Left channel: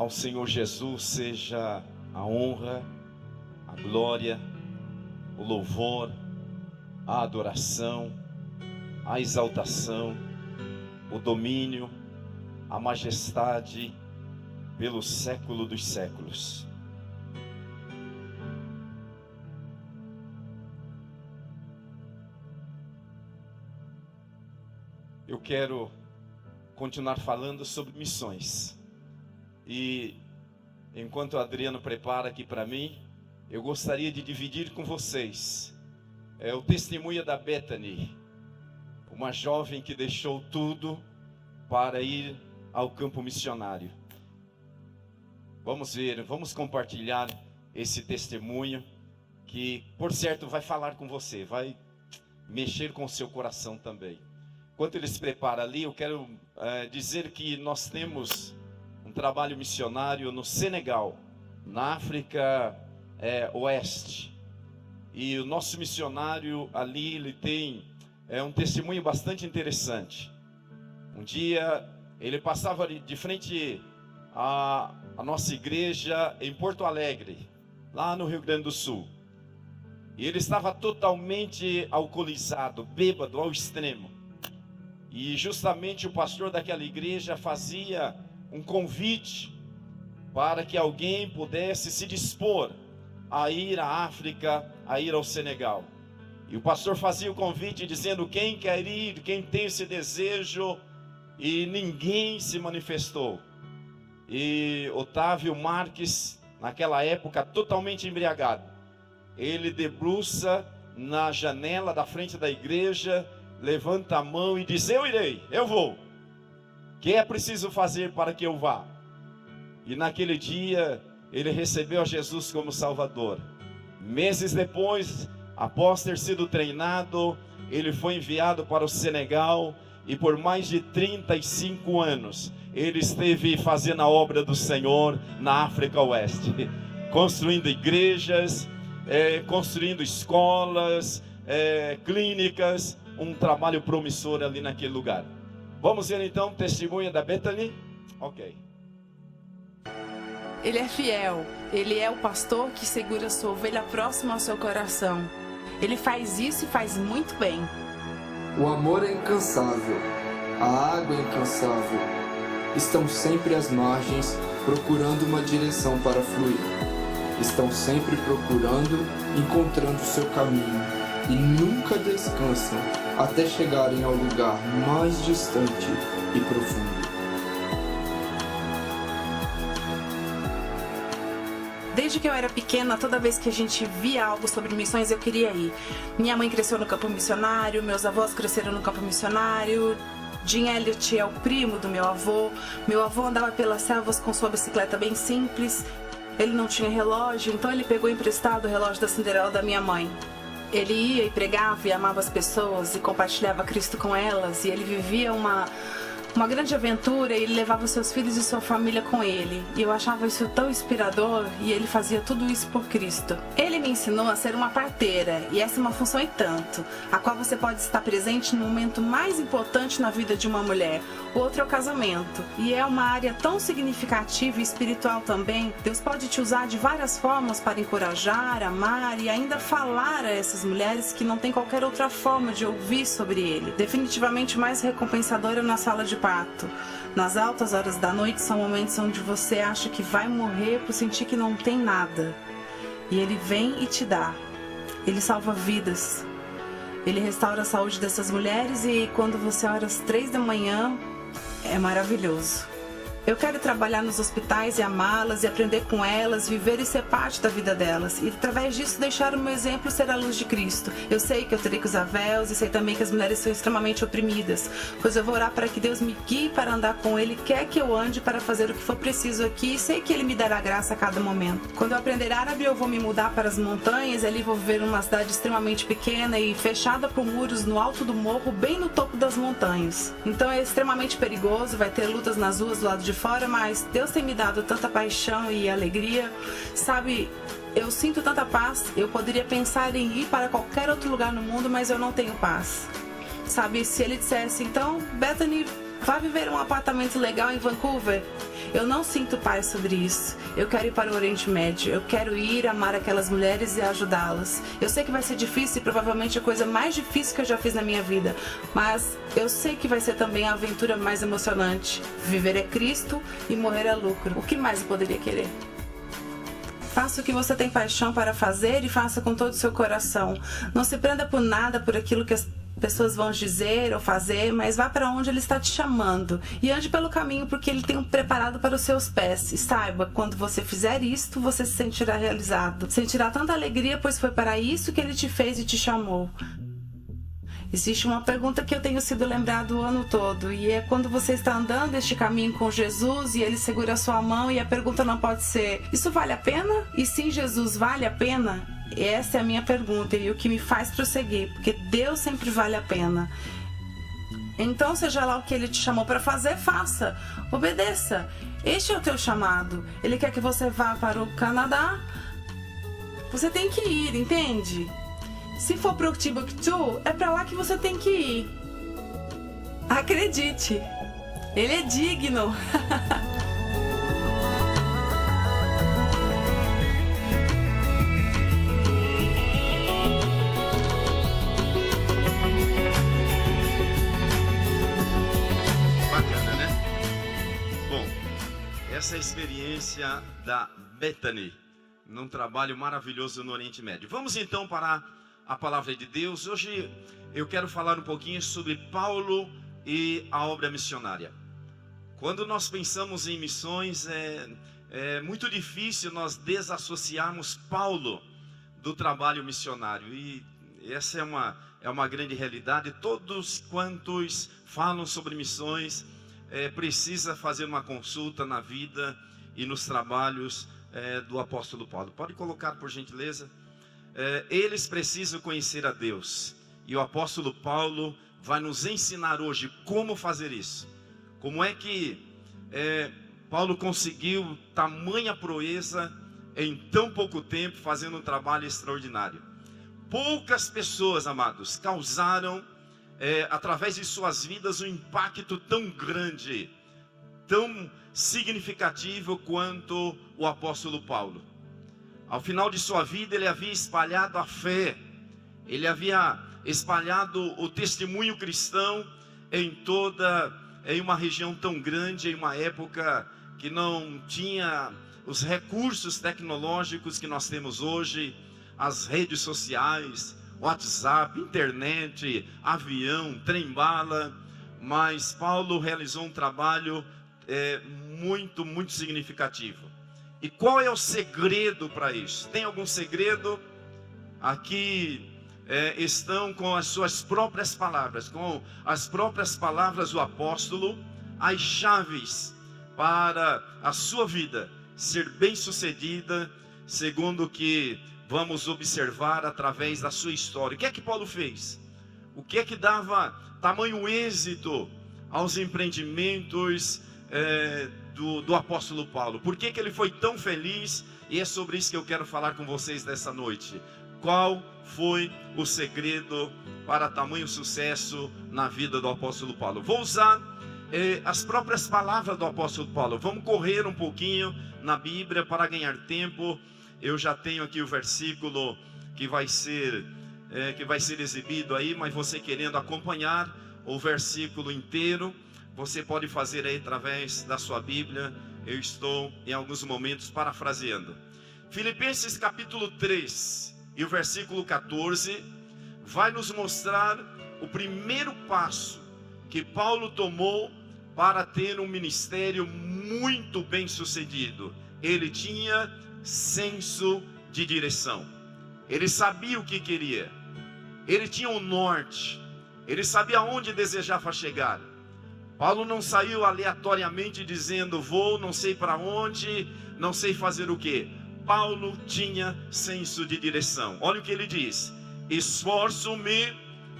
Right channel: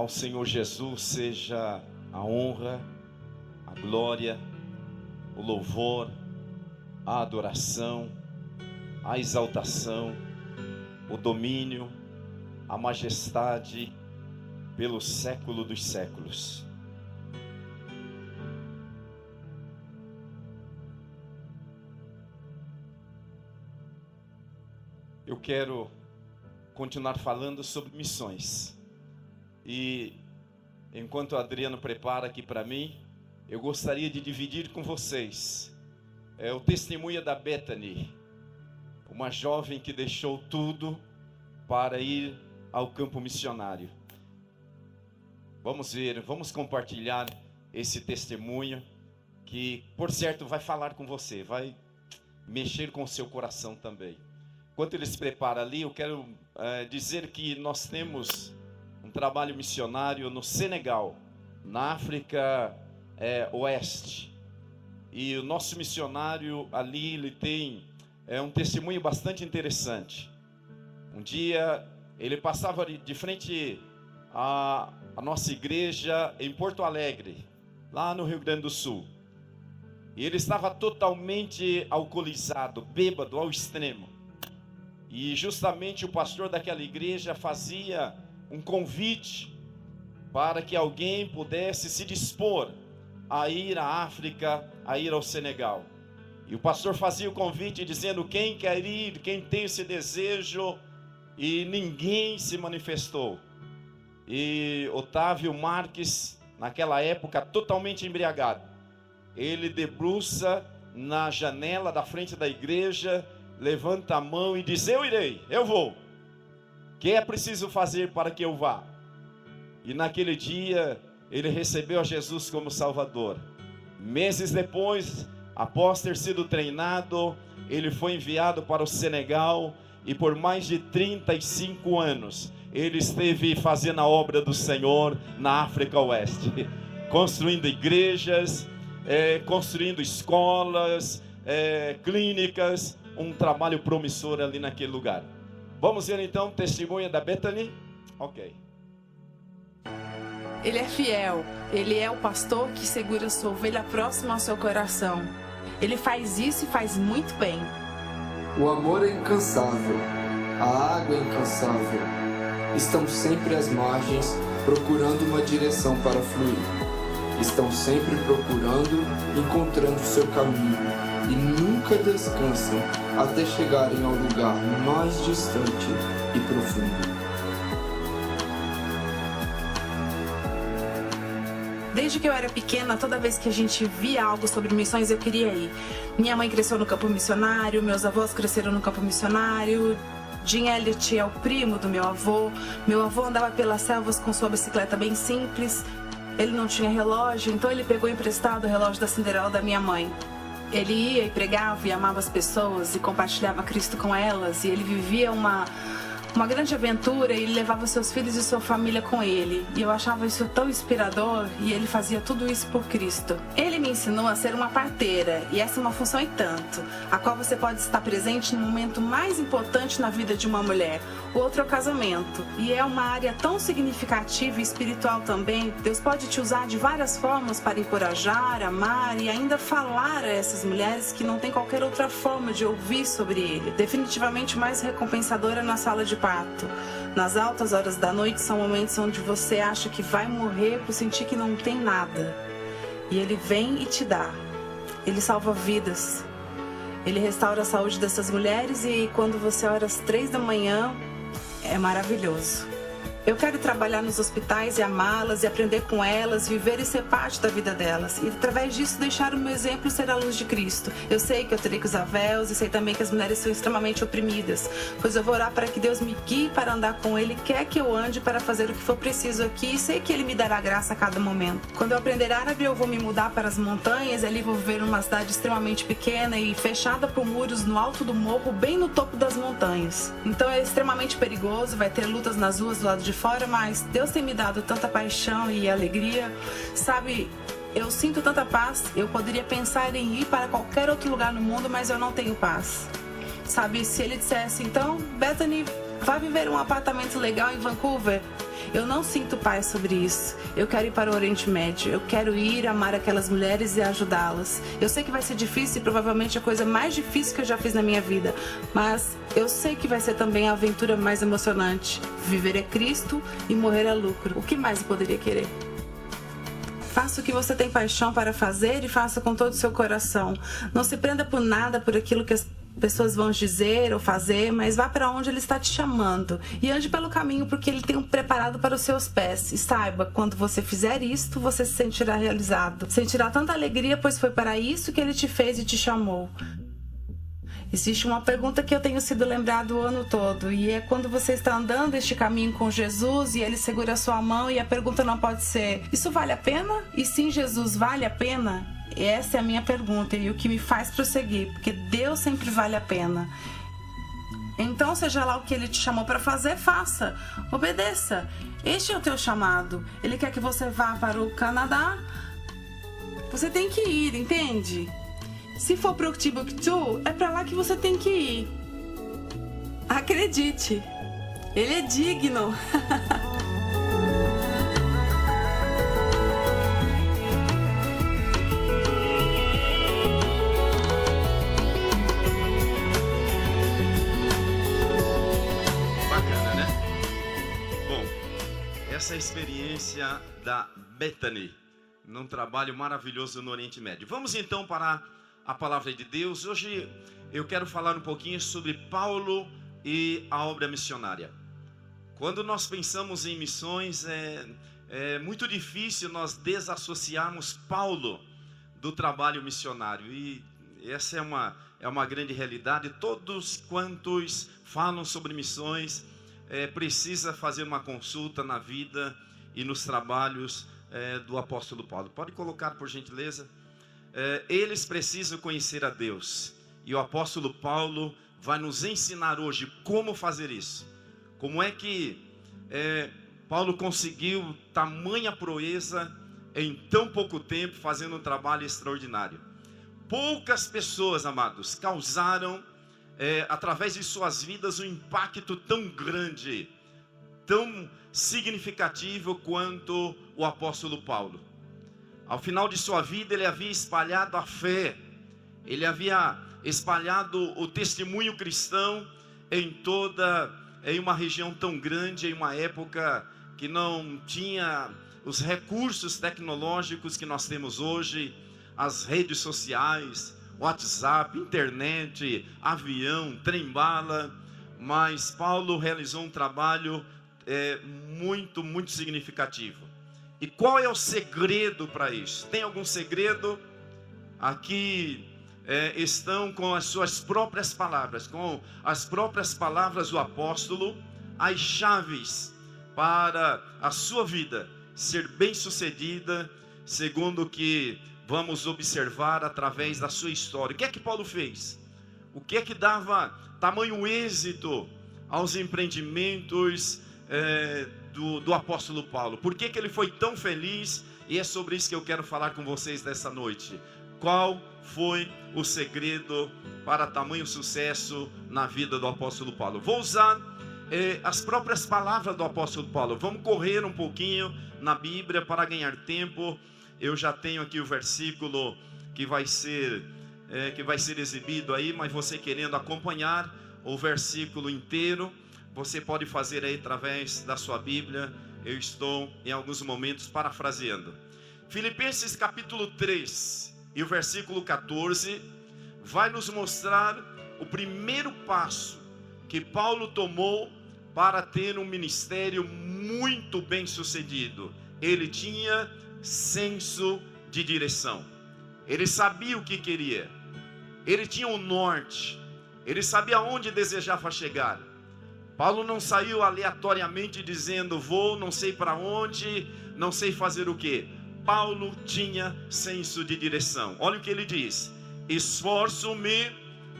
Ao Senhor Jesus seja a honra, a glória, o louvor, a adoração, a exaltação, o domínio, a majestade pelo século dos séculos. Eu quero continuar falando sobre missões. E enquanto o Adriano prepara aqui para mim, eu gostaria de dividir com vocês o testemunho da Bethany, uma jovem que deixou tudo para ir ao campo missionário. Vamos ver, vamos compartilhar esse testemunho que, por certo, vai falar com você, vai mexer com o seu coração também. Enquanto ele se prepara ali, eu quero dizer que nós temos um trabalho missionário no Senegal, na África Oeste. E o nosso missionário ali, ele tem um testemunho bastante interessante. Um dia, ele passava de frente à nossa igreja em Porto Alegre, lá no Rio Grande do Sul. E ele estava totalmente alcoolizado, bêbado ao extremo. E justamente o pastor daquela igreja fazia um convite para que alguém pudesse se dispor a ir à África, a ir ao Senegal. E o pastor fazia o convite dizendo: quem quer ir, quem tem esse desejo, e ninguém se manifestou. E Otávio Marques, naquela época totalmente embriagado, ele debruça na janela da frente da igreja, levanta a mão e diz: eu irei, eu vou. O que é preciso fazer para que eu vá? E naquele dia ele recebeu a Jesus como Salvador. Meses depois, após ter sido treinado, ele foi enviado para o Senegal e por mais de 35 anos ele esteve fazendo a obra do Senhor na África Oeste, construindo igrejas, construindo escolas, clínicas, um trabalho promissor ali naquele lugar. Vamos ver então o testemunho da Bethany? Ok. Ele é fiel, ele é o pastor que segura sua ovelha próxima ao seu coração. Ele faz isso e faz muito bem. O amor é incansável, a água é incansável. Estão sempre às margens, procurando uma direção para fluir. Estão sempre procurando, encontrando o seu caminho, e nunca descansam até chegarem ao lugar mais distante e profundo. Desde que eu era pequena, toda vez que a gente via algo sobre missões, eu queria ir. Minha mãe cresceu no campo missionário, meus avós cresceram no campo missionário. Jim Elliot é o primo do meu avô. Meu avô andava pelas selvas com sua bicicleta bem simples. Ele não tinha relógio, então ele pegou emprestado o relógio da Cinderela da minha mãe. Ele ia e pregava e amava as pessoas e compartilhava Cristo com elas. E ele vivia uma grande aventura e ele levava seus filhos e sua família com ele. E eu achava isso tão inspirador e ele fazia tudo isso por Cristo. Ele me ensinou a ser uma parteira e essa é uma função e tanto, a qual você pode estar presente no momento mais importante na vida de uma mulher. O outro é o casamento. E é uma área tão significativa e espiritual também. Deus pode te usar de várias formas para encorajar, amar e ainda falar a essas mulheres que não tem qualquer outra forma de ouvir sobre ele. Definitivamente o mais recompensador é na sala de parto. Nas altas horas da noite são momentos onde você acha que vai morrer por sentir que não tem nada. E ele vem e te dá. Ele salva vidas. Ele restaura a saúde dessas mulheres e quando você ora às 3 da manhã, é maravilhoso. Eu quero trabalhar nos hospitais e amá-las e aprender com elas, viver e ser parte da vida delas. E através disso deixar o meu exemplo ser a luz de Cristo. Eu sei que eu terei que usar véus e sei também que as mulheres são extremamente oprimidas. Pois eu vou orar para que Deus me guie para andar com Ele, quer que eu ande para fazer o que for preciso aqui. E sei que Ele me dará graça a cada momento. Quando eu aprender árabe eu vou me mudar para as montanhas. Ali vou viver numa cidade extremamente pequena e fechada por muros no alto do morro, bem no topo das montanhas. Então é extremamente perigoso, vai ter lutas nas ruas do lado de fora, mas Deus tem me dado tanta paixão e alegria, sabe? Eu sinto tanta paz, eu poderia pensar em ir para qualquer outro lugar no mundo, mas eu não tenho paz, sabe? Se ele dissesse, então, Bethany, Vá viver um apartamento legal em Vancouver. Eu não sinto paz sobre isso. Eu quero ir para o Oriente Médio. Eu quero ir amar aquelas mulheres e ajudá-las. Eu sei que vai ser difícil e provavelmente a coisa mais difícil que eu já fiz na minha vida. Mas eu sei que vai ser também a aventura mais emocionante. Viver é Cristo e morrer é lucro. O que mais eu poderia querer? Faça o que você tem paixão para fazer e faça com todo o seu coração. Não se prenda por nada, por aquilo que as pessoas vão dizer ou fazer, mas vá para onde Ele está te chamando. E ande pelo caminho porque Ele tem um preparado para os seus pés. E saiba, quando você fizer isto, você se sentirá realizado. Sentirá tanta alegria, pois foi para isso que Ele te fez e te chamou. Existe uma pergunta que eu tenho sido lembrado o ano todo, e é quando você está andando este caminho com Jesus e Ele segura a sua mão, e a pergunta não pode ser: isso vale a pena? E sim, Jesus, vale a pena? Essa é a minha pergunta e o que me faz prosseguir, porque Deus sempre vale a pena. Então, seja lá o que Ele te chamou para fazer, faça, obedeça. Este é o teu chamado. Ele quer que você vá para o Canadá. Você tem que ir, entende? Se for para o Timbuktu, é para lá que você tem que ir. Acredite, Ele é digno. Bacana, né? Bom, essa é a experiência da Bethany, num trabalho maravilhoso no Oriente Médio. Vamos então para a palavra de Deus. Hoje eu quero falar um pouquinho sobre Paulo e a obra missionária. Quando nós pensamos em missões, é muito difícil nós desassociarmos Paulo do trabalho missionário. E essa é uma grande realidade. Todos quantos falam sobre missões precisa fazer uma consulta na vida e nos trabalhos do apóstolo Paulo. Pode colocar, por gentileza? Eles precisam conhecer a Deus, e o apóstolo Paulo vai nos ensinar hoje como fazer isso. Como é que Paulo conseguiu tamanha proeza em tão pouco tempo, fazendo um trabalho extraordinário. Poucas pessoas, amados, causaram através de suas vidas um impacto tão grande, tão significativo quanto o apóstolo Paulo. Ao final de sua vida, ele havia espalhado a fé, ele havia espalhado o testemunho cristão em uma região tão grande, em uma época que não tinha os recursos tecnológicos que nós temos hoje, as redes sociais, WhatsApp, internet, avião, trem-bala. Mas Paulo realizou um trabalho muito, muito significativo. E qual é o segredo para isso? Tem algum segredo? Aqui estão com as suas próprias palavras, com as próprias palavras do apóstolo, as chaves para a sua vida ser bem-sucedida, segundo o que vamos observar através da sua história. O que é que Paulo fez? O que é que dava tamanho êxito aos empreendimentos do apóstolo Paulo? Por que ele foi tão feliz? E é sobre isso que eu quero falar com vocês nessa noite. Qual foi o segredo para tamanho sucesso na vida do apóstolo Paulo? Vou usar as próprias palavras do apóstolo Paulo. Vamos correr um pouquinho na Bíblia para ganhar tempo. Eu já tenho aqui o versículo que vai ser exibido aí, mas você querendo acompanhar o versículo inteiro, você pode fazer aí através da sua Bíblia. Eu estou em alguns momentos parafraseando. Filipenses capítulo 3 e o versículo 14 vai nos mostrar o primeiro passo que Paulo tomou para ter um ministério muito bem sucedido. Ele tinha senso de direção. Ele sabia o que queria. Ele tinha um norte. Ele sabia onde desejava chegar. Paulo não saiu aleatoriamente dizendo: vou, não sei para onde, não sei fazer o que. Paulo tinha senso de direção. Olha o que ele diz: esforço-me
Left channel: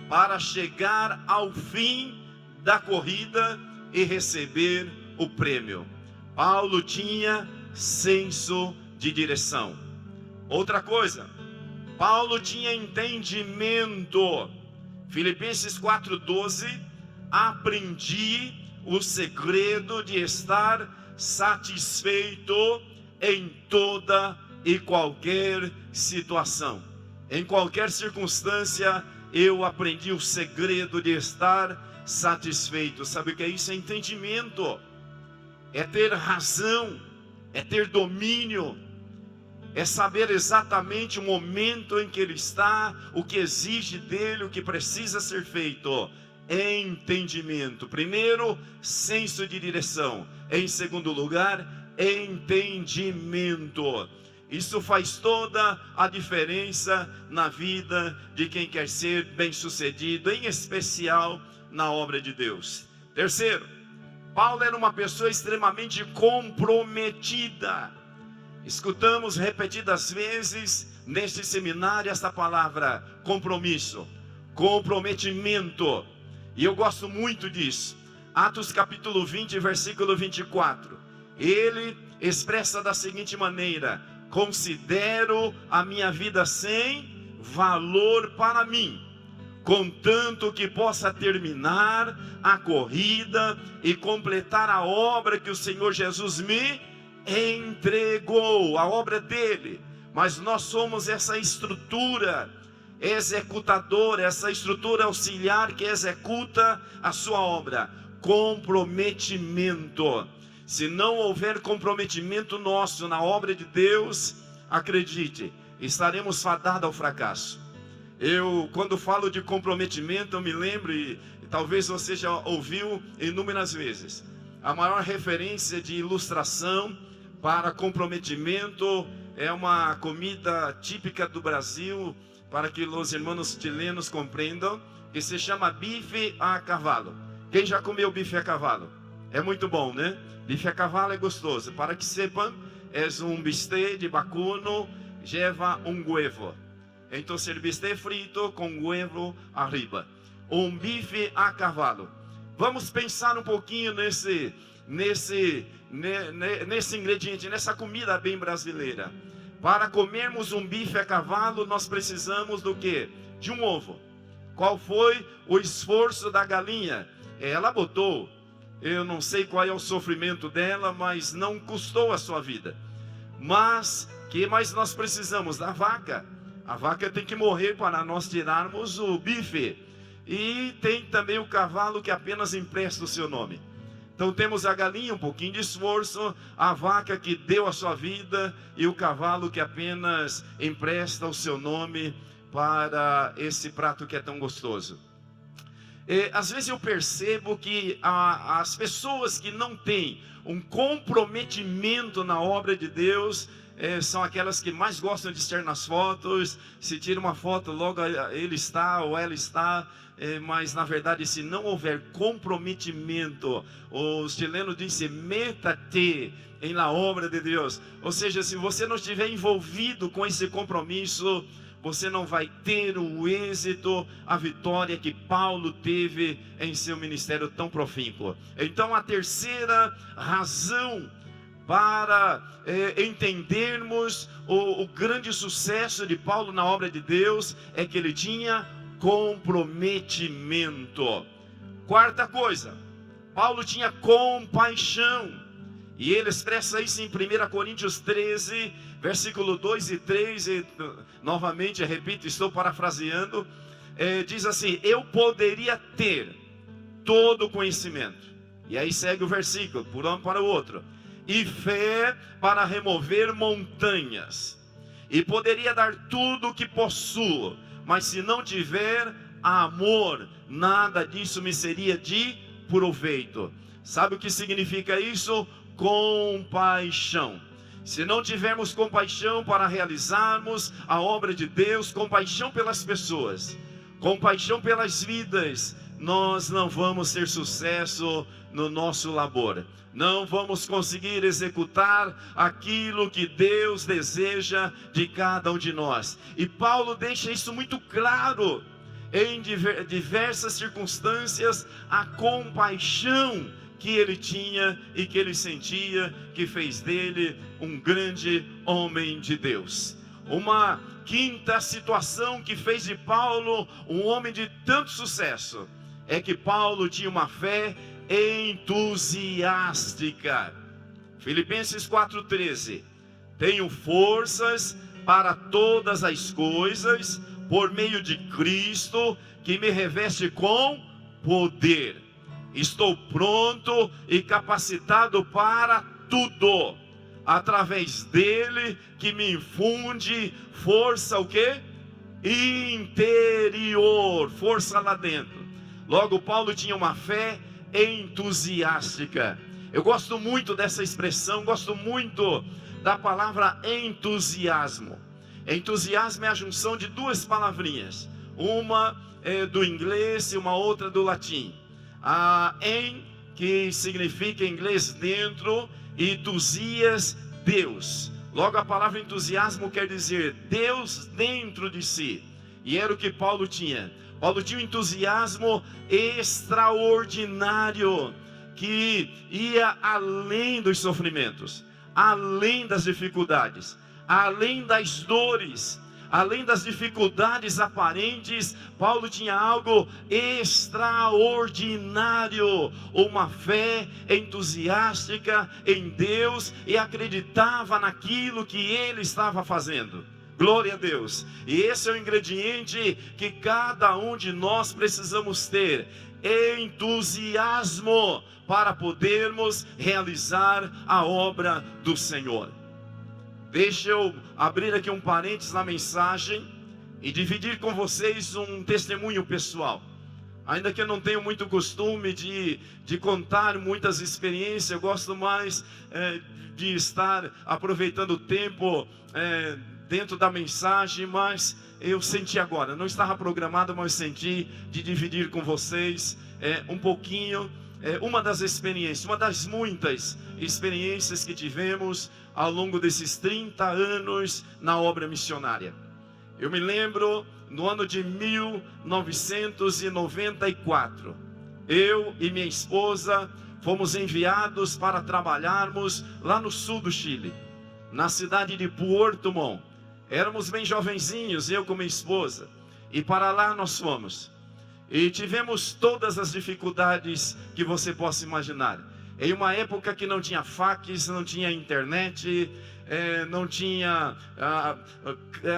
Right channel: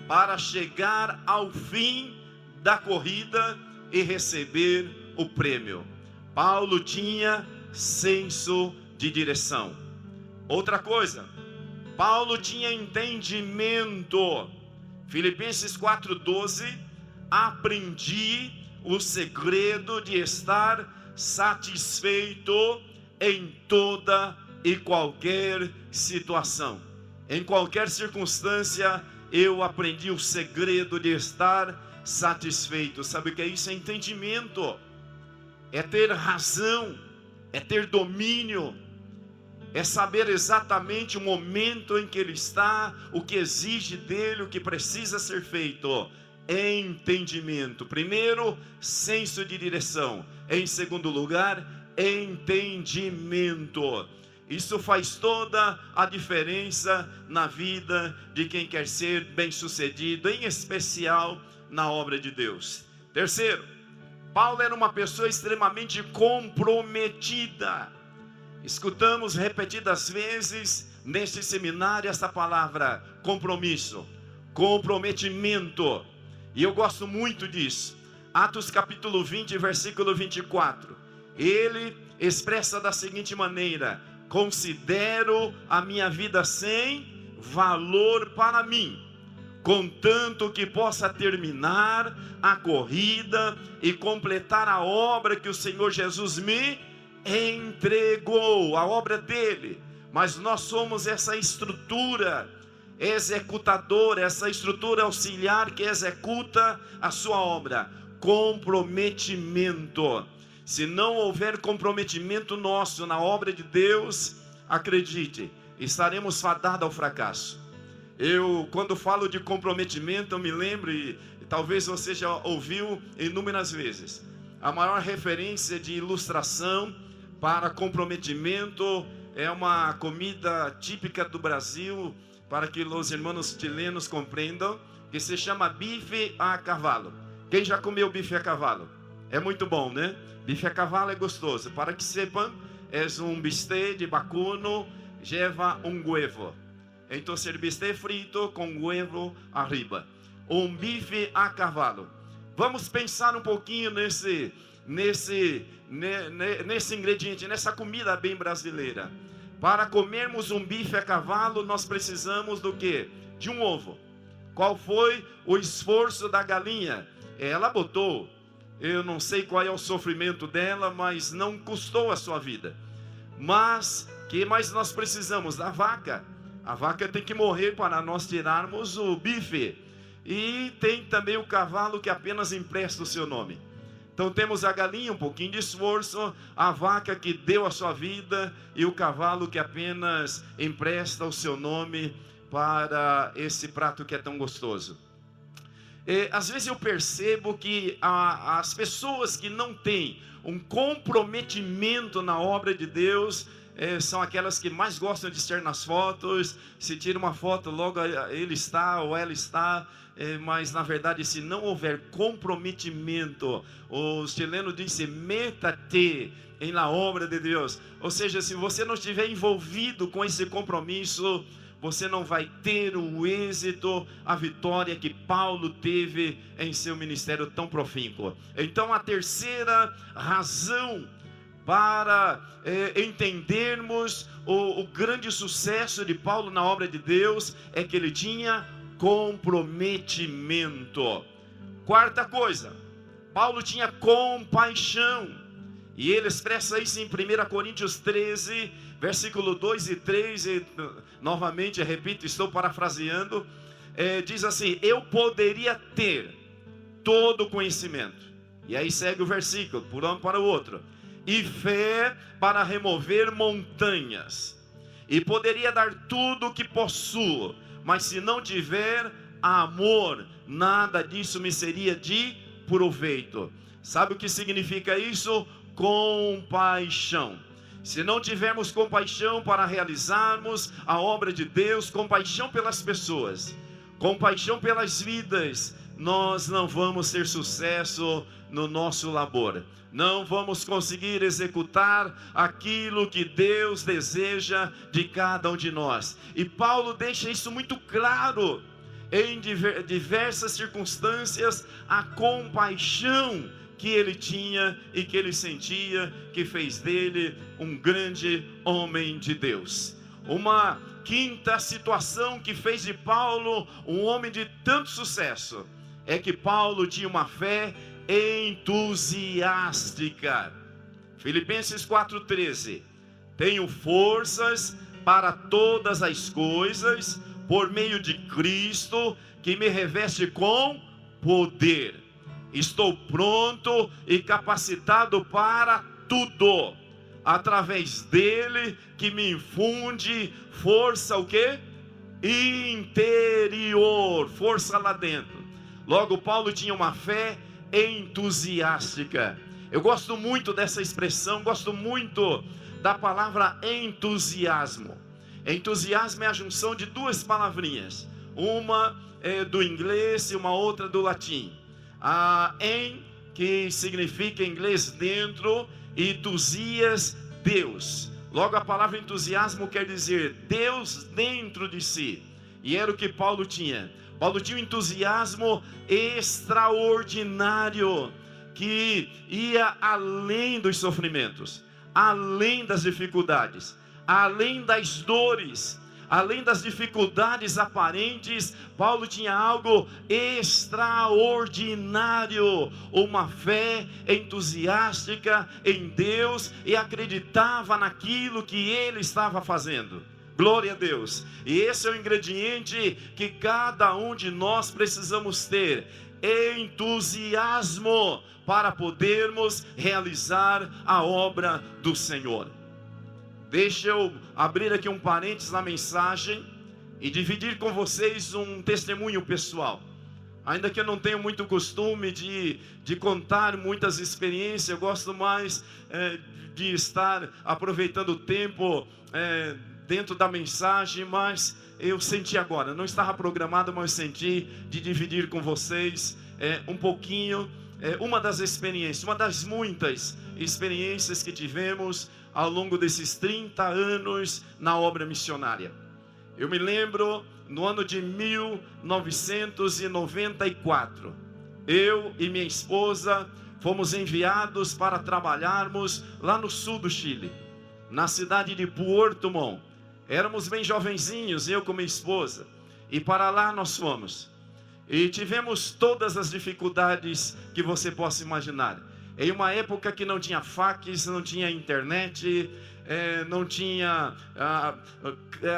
para chegar ao fim da corrida e receber o prêmio. Paulo tinha senso de direção. Outra coisa, Paulo tinha entendimento. Filipenses 4:12, aprendi o segredo de estar satisfeito em toda e qualquer situação. Em qualquer circunstância, eu aprendi o segredo de estar satisfeito. Sabe o que é isso? É entendimento, é ter razão, é ter domínio, é saber exatamente o momento em que ele está, o que exige dele, o que precisa ser feito. Entendimento. Primeiro, senso de direção. Em segundo lugar, entendimento. Isso faz toda a diferença na vida de quem quer ser bem-sucedido, em especial na obra de Deus. Terceiro, Paulo era uma pessoa extremamente comprometida. Escutamos repetidas vezes neste seminário essa palavra compromisso, comprometimento. E eu gosto muito disso. Atos capítulo 20, versículo 24. Ele expressa da seguinte maneira: considero a minha vida sem valor para mim, contanto que possa terminar a corrida e completar a obra que o Senhor Jesus me entregou, a obra dele. Mas nós somos essa estrutura executadora, essa estrutura auxiliar que executa a sua obra. Comprometimento. Se não houver comprometimento nosso na obra de Deus, acredite, estaremos fadados ao fracasso. Quando falo de comprometimento, eu me lembro, e talvez você já ouviu inúmeras vezes, a maior referência de ilustração para comprometimento é uma comida típica do Brasil, para que os irmãos chilenos compreendam, que se chama bife a cavalo. Quem já comeu bife a cavalo? É muito bom, né? Bife a cavalo é gostoso. Para que sepam, é um bistec de vacuno, lleva um huevo. Então, el bistec frito com huevo arriba. Um bife a cavalo. Vamos pensar um pouquinho nesse ingrediente, nessa comida bem brasileira. Para comermos um bife a cavalo, nós precisamos do quê? De um ovo. Qual foi o esforço da galinha? Ela botou, eu não sei qual é o sofrimento dela, mas não custou a sua vida. Mas, que mais nós precisamos? Da vaca. A vaca tem que morrer para nós tirarmos o bife. E tem também o cavalo que apenas empresta o seu nome. Então temos a galinha, um pouquinho de esforço, a vaca que deu a sua vida e o cavalo que apenas empresta o seu nome para esse prato que é tão gostoso. Às vezes eu percebo que as pessoas que não têm um comprometimento na obra de Deus são aquelas que mais gostam de estar nas fotos. Se tira uma foto, logo ele está ou ela está. Mas na verdade, se não houver comprometimento, os chilenos dizem meta-te na obra de Deus. Ou seja, se você não estiver envolvido com esse compromisso, você não vai ter o êxito, a vitória que Paulo teve em seu ministério tão profícuo. Então a terceira razão para entendermos o grande sucesso de Paulo na obra de Deus é que ele tinha comprometimento. Quarta coisa, Paulo tinha compaixão. E ele expressa isso em 1 Coríntios 13, versículo 2 e 3. E, novamente, repito, estou parafraseando. Diz assim: eu poderia ter todo o conhecimento. E aí segue o versículo, por um para o outro. E fé para remover montanhas. E poderia dar tudo o que possuo. Mas se não tiver amor, nada disso me seria de proveito. Sabe o que significa isso? Compaixão. Se não tivermos compaixão para realizarmos a obra de Deus, compaixão pelas pessoas, compaixão pelas vidas, nós não vamos ter sucesso no nosso labor. Não vamos conseguir executar aquilo que Deus deseja de cada um de nós. E Paulo deixa isso muito claro em diversas circunstâncias, a compaixão que ele tinha e que ele sentia, que fez dele um grande homem de Deus. Uma quinta situação que fez de Paulo um homem de tanto sucesso é que Paulo tinha uma fé entusiástica. Filipenses 4,13. Tenho forças para todas as coisas, por meio de Cristo, que me reveste com poder. Estou pronto e capacitado para tudo, através dele que me infunde força, o quê? Interior, força lá dentro. Logo, Paulo tinha uma fé entusiástica. Eu gosto muito dessa expressão, gosto muito da palavra entusiasmo. Entusiasmo é a junção de duas palavrinhas, uma do inglês e uma outra do latim. Que significa em inglês dentro, e entusias, Deus. Logo, a palavra entusiasmo quer dizer Deus dentro de si. E era o que Paulo tinha. Paulo tinha um entusiasmo extraordinário, que ia além dos sofrimentos, além das dificuldades, além das dores, além das dificuldades aparentes. Paulo tinha algo extraordinário, uma fé entusiástica em Deus, e acreditava naquilo que ele estava fazendo. Glória a Deus. E esse é o ingrediente que cada um de nós precisamos ter: entusiasmo, para podermos realizar a obra do Senhor. Deixa eu abrir aqui um parênteses na mensagem e dividir com vocês um testemunho pessoal. Ainda que eu não tenha muito costume de contar muitas experiências, eu gosto mais de estar aproveitando o tempo dentro da mensagem, mas eu senti agora, não estava programado, mas senti de dividir com vocês um pouquinho, uma das experiências, uma das muitas experiências que tivemos ao longo desses 30 anos na obra missionária. Eu me lembro, no ano de 1994, eu e minha esposa fomos enviados para trabalharmos lá no sul do Chile, na cidade de Puerto Montt. Éramos bem jovenzinhos, eu com minha esposa, e para lá nós fomos. E tivemos todas as dificuldades que você possa imaginar. Em uma época que não tinha fax, não tinha internet, não tinha,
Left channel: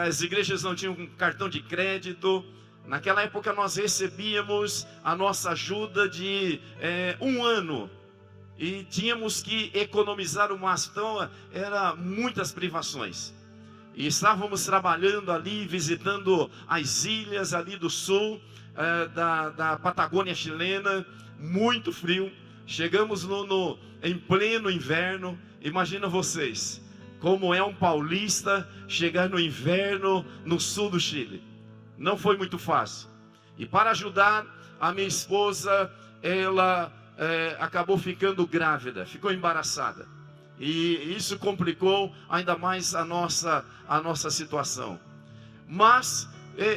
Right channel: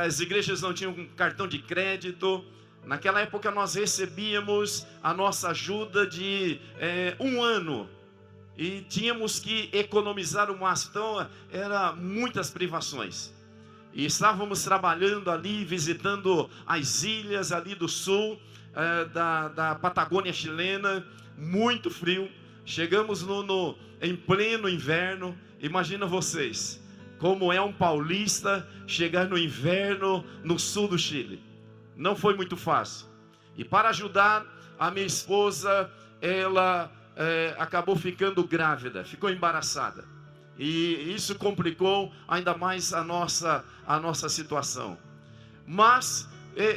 as igrejas não tinham cartão de crédito. Naquela época nós recebíamos a nossa ajuda de 1 ano. E tínhamos que economizar o máximo, então eram muitas privações. E estávamos trabalhando ali, visitando as ilhas ali do sul, da Patagônia chilena, muito frio. Chegamos em pleno inverno. Imagina vocês, como é um paulista chegar no inverno no sul do Chile. Não foi muito fácil. E para ajudar, a minha esposa, ela acabou ficando grávida, ficou embaraçada. E isso complicou ainda mais a nossa situação. Mas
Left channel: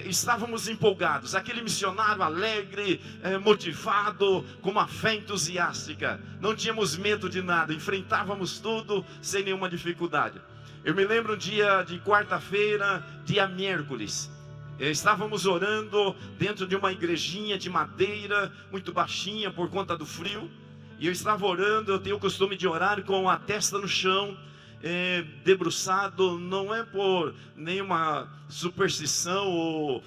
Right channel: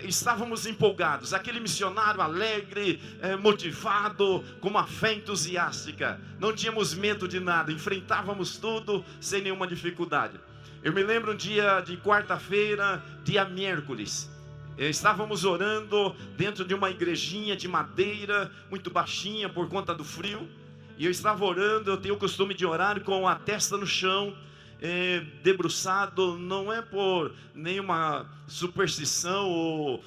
estávamos empolgados, aquele missionário alegre, motivado, com uma fé entusiástica. Não tínhamos medo de nada, enfrentávamos tudo sem nenhuma dificuldade. Eu me lembro um dia de quarta-feira, dia miércoles. Estávamos orando dentro de uma igrejinha de madeira, muito baixinha por conta do frio. E eu estava orando, eu tenho o costume de orar com a testa no chão, debruçado, não é por nenhuma superstição ou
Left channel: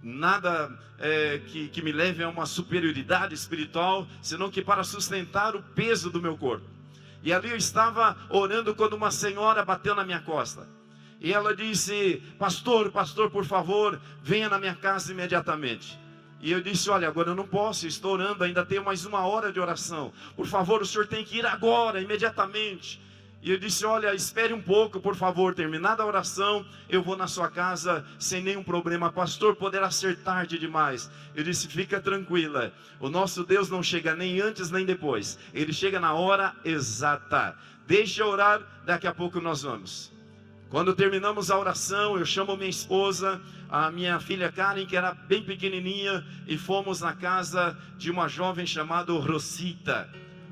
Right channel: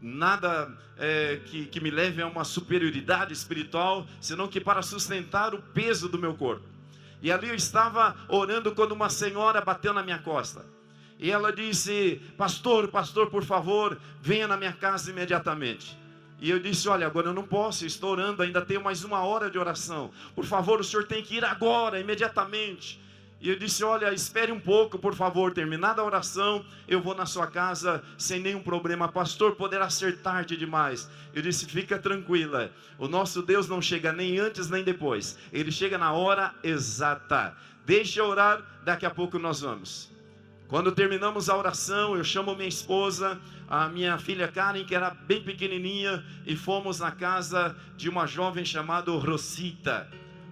nada que me leve a uma superioridade espiritual, senão que para sustentar o peso do meu corpo. E ali eu estava orando quando uma senhora bateu na minha costa. E ela disse: pastor, por favor, venha na minha casa imediatamente. E eu disse: olha, agora eu não posso, estou orando, ainda tenho mais 1 hora de oração. Por favor, o senhor tem que ir agora, imediatamente. E eu disse: olha, espere um pouco, por favor, terminada a oração, eu vou na sua casa sem nenhum problema. Pastor, poderá ser tarde demais. Eu disse: fica tranquila, o nosso Deus não chega nem antes nem depois, Ele chega na hora exata. Deixa eu orar, daqui a pouco nós vamos. Quando terminamos a oração, eu chamo minha esposa, a minha filha Karen, que era bem pequenininha, e fomos na casa de uma jovem chamada Rosita.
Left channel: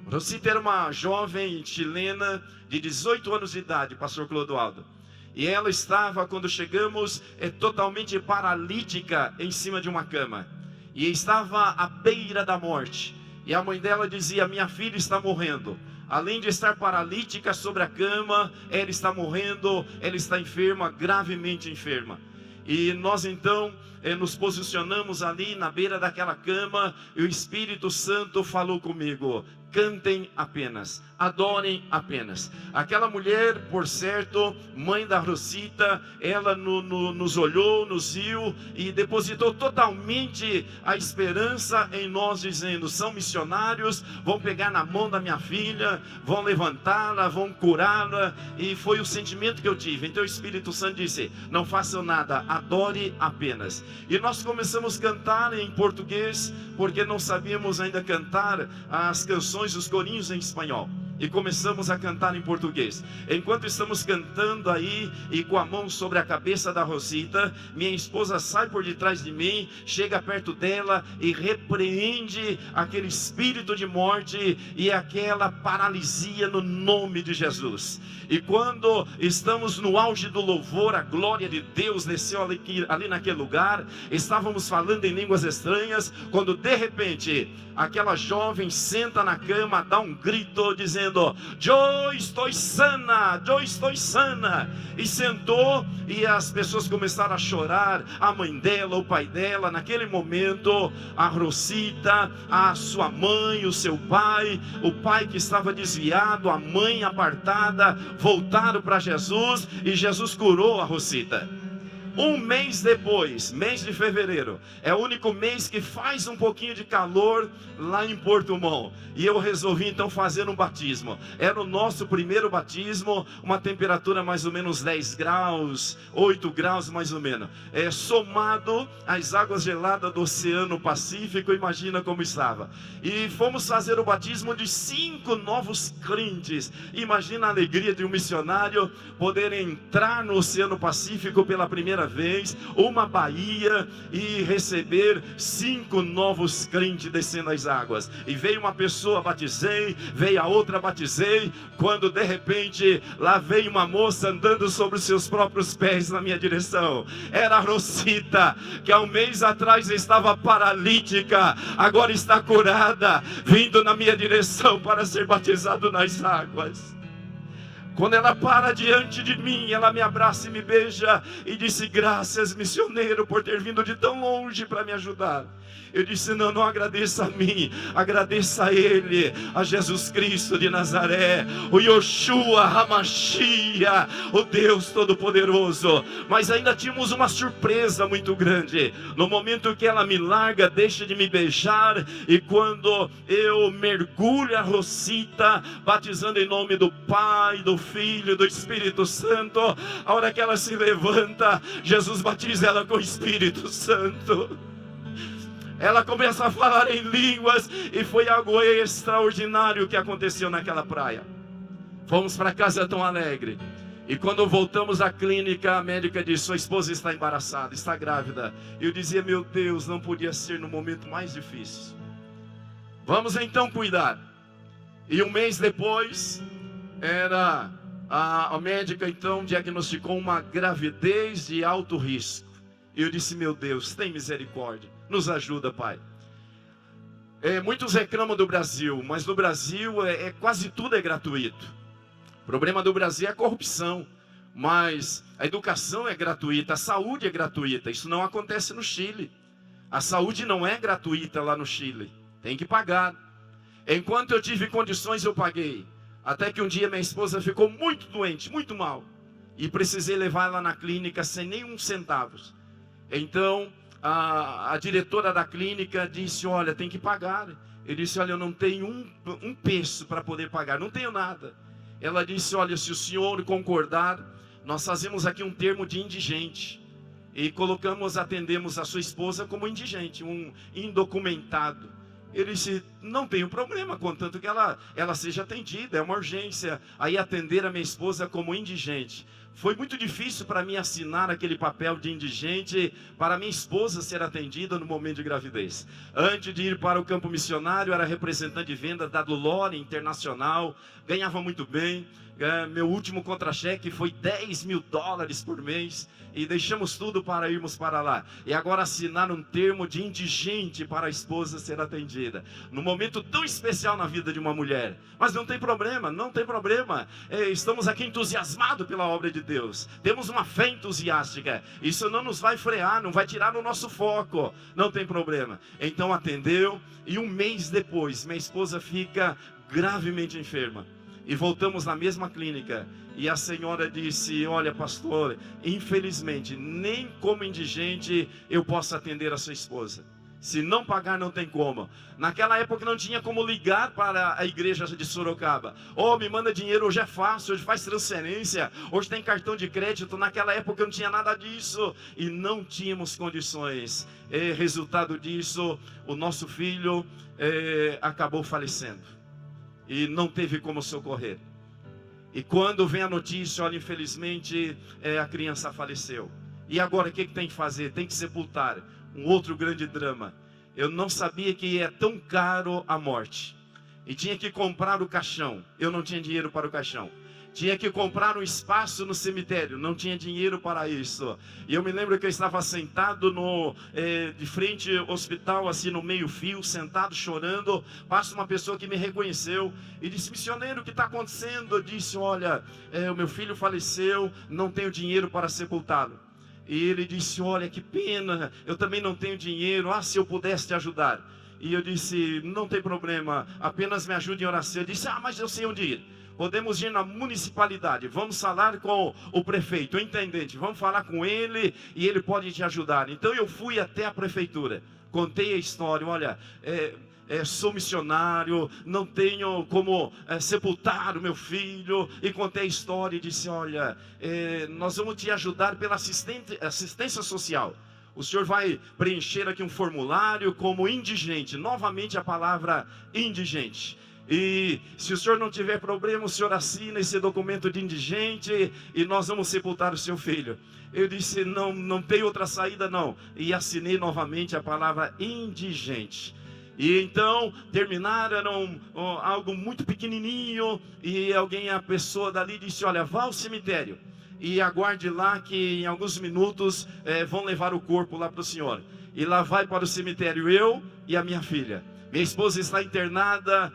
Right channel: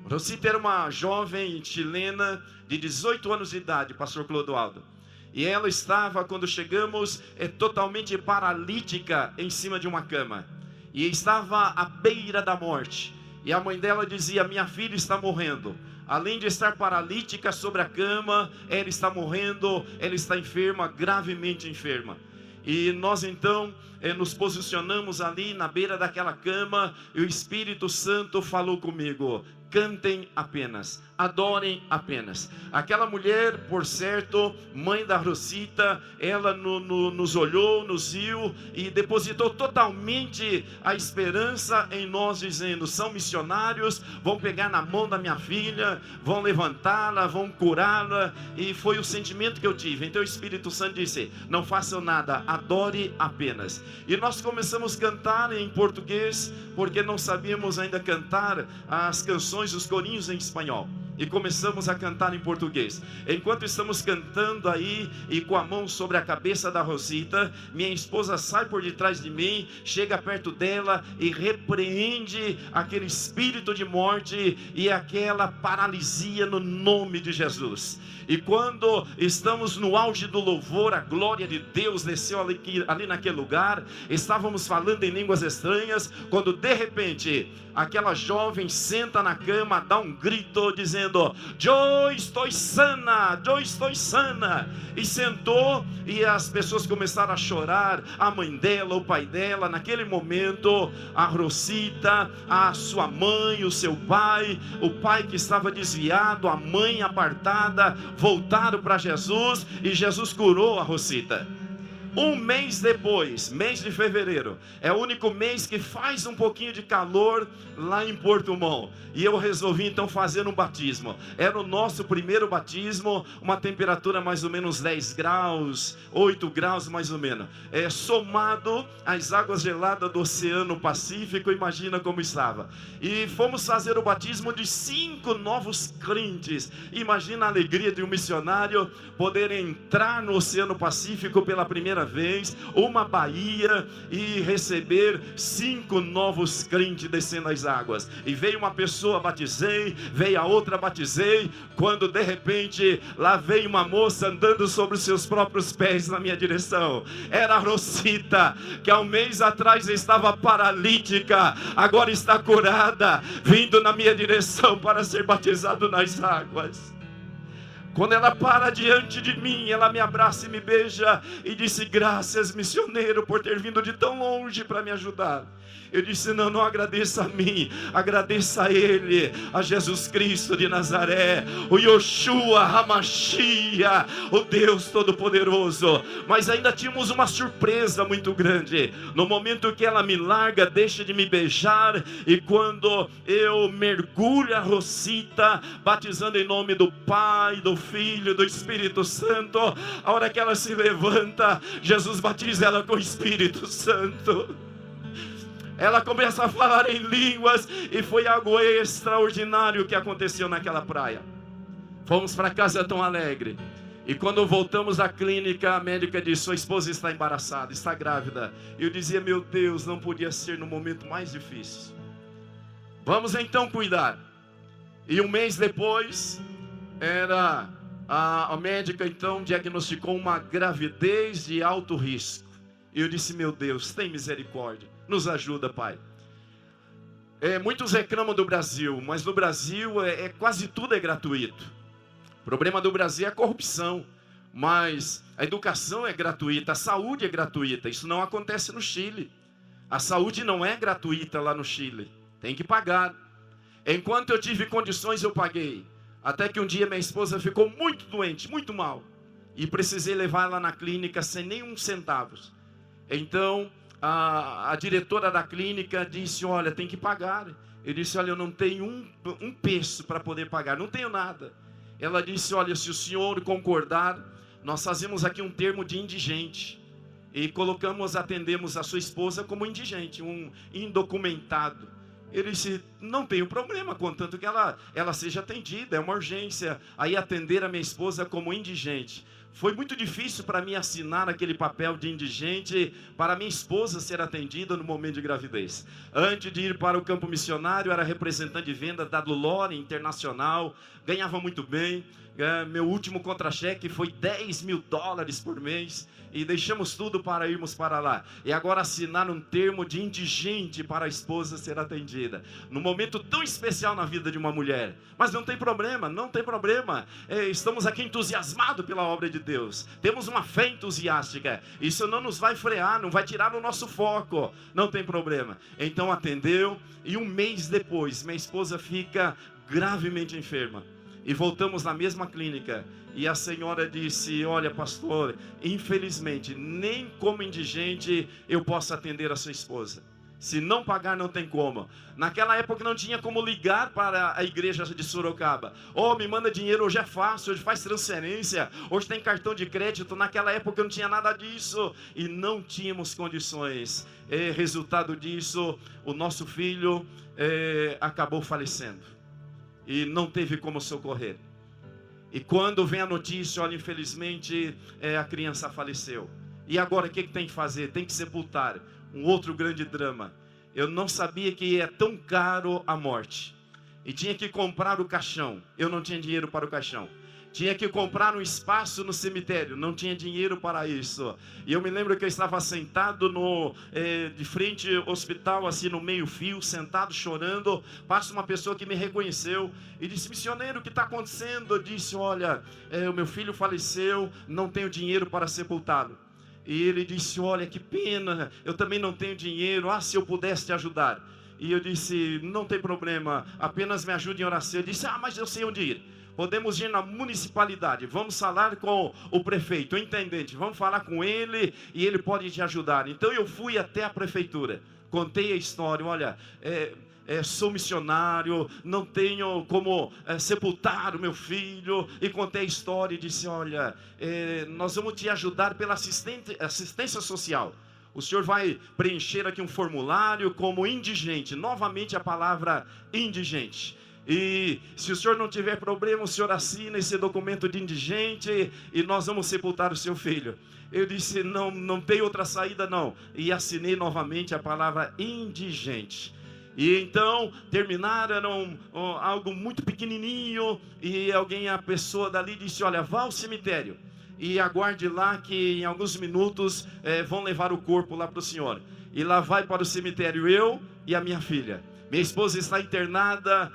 Rosita era uma jovem chilena de 18 anos de idade, pastor Clodoaldo. E ela estava, quando chegamos, totalmente paralítica em cima de uma cama. E estava à beira da morte. E a mãe dela dizia: minha filha está morrendo. Além de estar paralítica sobre a cama, ela está morrendo, ela está enferma, gravemente enferma. E nós então nos posicionamos ali na beira daquela cama, e o Espírito Santo falou comigo: cantem apenas, adorem apenas. Aquela mulher, por certo, mãe da Rosita, ela nos olhou, nos viu e depositou totalmente a esperança em nós, dizendo: são missionários, vão pegar na mão da minha filha, vão levantá-la, vão curá-la. E foi o sentimento que eu tive. Então o Espírito Santo disse: não façam nada, adore apenas. E nós começamos a cantar em português, porque não sabíamos ainda cantar as canções, os corinhos em espanhol. E começamos a cantar em português. Enquanto estamos cantando aí, e com a mão sobre a cabeça da Rosita, minha esposa sai por detrás de mim, chega perto dela e repreende aquele espírito de morte e aquela paralisia no nome de Jesus. E quando estamos no auge do louvor, a glória de Deus desceu ali naquele lugar. Estávamos falando em línguas estranhas, quando de repente aquela jovem senta na cama, dá um grito dizendo: eu estou sana, eu estou sana. E sentou, e as pessoas começaram a chorar, a mãe dela, o pai dela. Naquele momento, a Rosita, a sua mãe, o seu pai, o pai que estava desviado, a mãe apartada, voltaram para Jesus, e Jesus curou a Rosita. Um mês depois, mês de fevereiro, é o único mês que faz um pouquinho de calor lá em Portimão. E eu resolvi então fazer um batismo. Era o nosso primeiro batismo, uma temperatura mais ou menos 10 graus, 8 graus mais ou menos. Somado às águas geladas do Oceano Pacífico, imagina como estava. E fomos fazer o batismo de 5 novos crentes. Imagina a alegria de um missionário poder entrar no Oceano Pacífico pela primeira vez, uma baía, e receber 5 novos crentes descendo as águas. E veio uma pessoa, batizei, veio a outra, batizei, quando de repente lá veio uma moça andando sobre os seus próprios pés na minha direção. Era a Rosita, que há um mês atrás estava paralítica, agora está curada, vindo na minha direção para ser batizado nas águas. Quando ela para diante de mim, ela me abraça e me beija e disse: graças, missioneiro, por ter vindo de tão longe para me ajudar. Eu disse: não agradeça a mim, agradeça a Ele, a Jesus Cristo de Nazaré, o Yoshua Hamashia, o Deus Todo-Poderoso. Mas ainda tínhamos uma surpresa muito grande. No momento que ela me larga, deixa de me beijar, e quando eu mergulho a Rosita, batizando em nome do Pai, do Filho e do Espírito Santo, a hora que ela se levanta, Jesus batiza ela com o Espírito Santo. Ela começa a falar em línguas, e foi algo extraordinário que aconteceu naquela praia. Fomos para casa tão alegre, e quando voltamos à clínica, a médica disse: sua esposa está embaraçada, está grávida. Eu dizia: meu Deus, não podia ser no momento mais difícil. Vamos então cuidar. E um mês depois, a médica então diagnosticou uma gravidez de alto risco. E eu disse: meu Deus, tem misericórdia, nos ajuda, Pai. Muitos reclamam do Brasil, mas no Brasil quase tudo é gratuito. O problema do Brasil é a corrupção, mas a educação é gratuita, a saúde é gratuita. Isso não acontece no Chile. A saúde não é gratuita lá no Chile, tem que pagar. Enquanto eu tive condições, eu paguei. Até que um dia minha esposa ficou muito doente, muito mal, e precisei levar ela na clínica sem nenhum centavo. Então a diretora da clínica disse: olha, tem que pagar. Eu disse: olha, eu não tenho um peso para poder pagar, não tenho nada. Ela disse: olha, se o senhor concordar, nós fazemos aqui um termo de indigente, e atendemos a sua esposa como indigente, um indocumentado. Ele disse: não tenho problema, contanto que ela seja atendida, é uma urgência. Aí atender a minha esposa como indigente. foi muito difícil para mim assinar aquele papel de indigente para minha esposa ser atendida no momento de gravidez. Antes de ir para o campo missionário, era representante de venda da Dulore Internacional, ganhava muito bem. Meu último contra-cheque foi $10.000 por mês. E deixamos tudo para irmos para lá. E agora assinar um termo de indigente para a esposa ser atendida. Num momento tão especial na vida de uma mulher. Mas não tem problema, não tem problema. Estamos aqui entusiasmados pela obra de Deus. Temos uma fé entusiástica. Isso não nos vai frear, não vai tirar o nosso foco. Não tem problema. Então atendeu. E um mês depois, minha esposa fica gravemente enferma. E voltamos na mesma clínica. E a senhora disse: olha, pastor, infelizmente, nem como indigente eu posso atender a sua esposa. Se não pagar, não tem como. Naquela época não tinha como ligar para a igreja de Sorocaba. Oh, me manda dinheiro, hoje é fácil, hoje faz transferência, hoje tem cartão de crédito. Naquela época não tinha nada disso. E não tínhamos condições. Resultado disso, o nosso filho acabou falecendo. E não teve como socorrer. E quando vem a notícia, olha, infelizmente a criança faleceu. E agora o que tem que fazer? Tem que sepultar. Um outro grande drama. Eu não sabia que é tão caro a morte. E tinha que comprar o caixão. Eu não tinha dinheiro para o caixão. Tinha que comprar um espaço no cemitério. Não tinha dinheiro para isso. E eu me lembro que eu estava sentado de frente ao hospital, assim no meio fio, sentado chorando. Passa uma pessoa que me reconheceu e disse: missioneiro, o que está acontecendo? Eu disse: olha, o meu filho faleceu, não tenho dinheiro para sepultá-lo. E ele disse: olha, que pena, eu também não tenho dinheiro. Ah, se eu pudesse te ajudar. E eu disse: não tem problema, apenas me ajude em oração. Eu disse: ah, mas eu sei onde ir. Podemos ir na municipalidade, vamos falar com o prefeito, o intendente, vamos falar com ele e ele pode te ajudar. Então eu fui até a prefeitura, contei a história: olha, sou missionário, não tenho como sepultar o meu filho. E contei a história e disse: olha, nós vamos te ajudar pela assistência social. O senhor vai preencher aqui um formulário como indigente, novamente a palavra indigente. E se o senhor não tiver problema, o senhor assina esse documento de indigente e nós vamos sepultar o seu filho. Eu disse: não tem outra saída não. E assinei novamente a palavra indigente. E então terminaram algo muito pequenininho. E a pessoa dali disse: olha, vá ao cemitério e aguarde lá que em alguns minutos vão levar o corpo lá para o senhor. E lá vai para o cemitério eu e a minha filha. Minha esposa está internada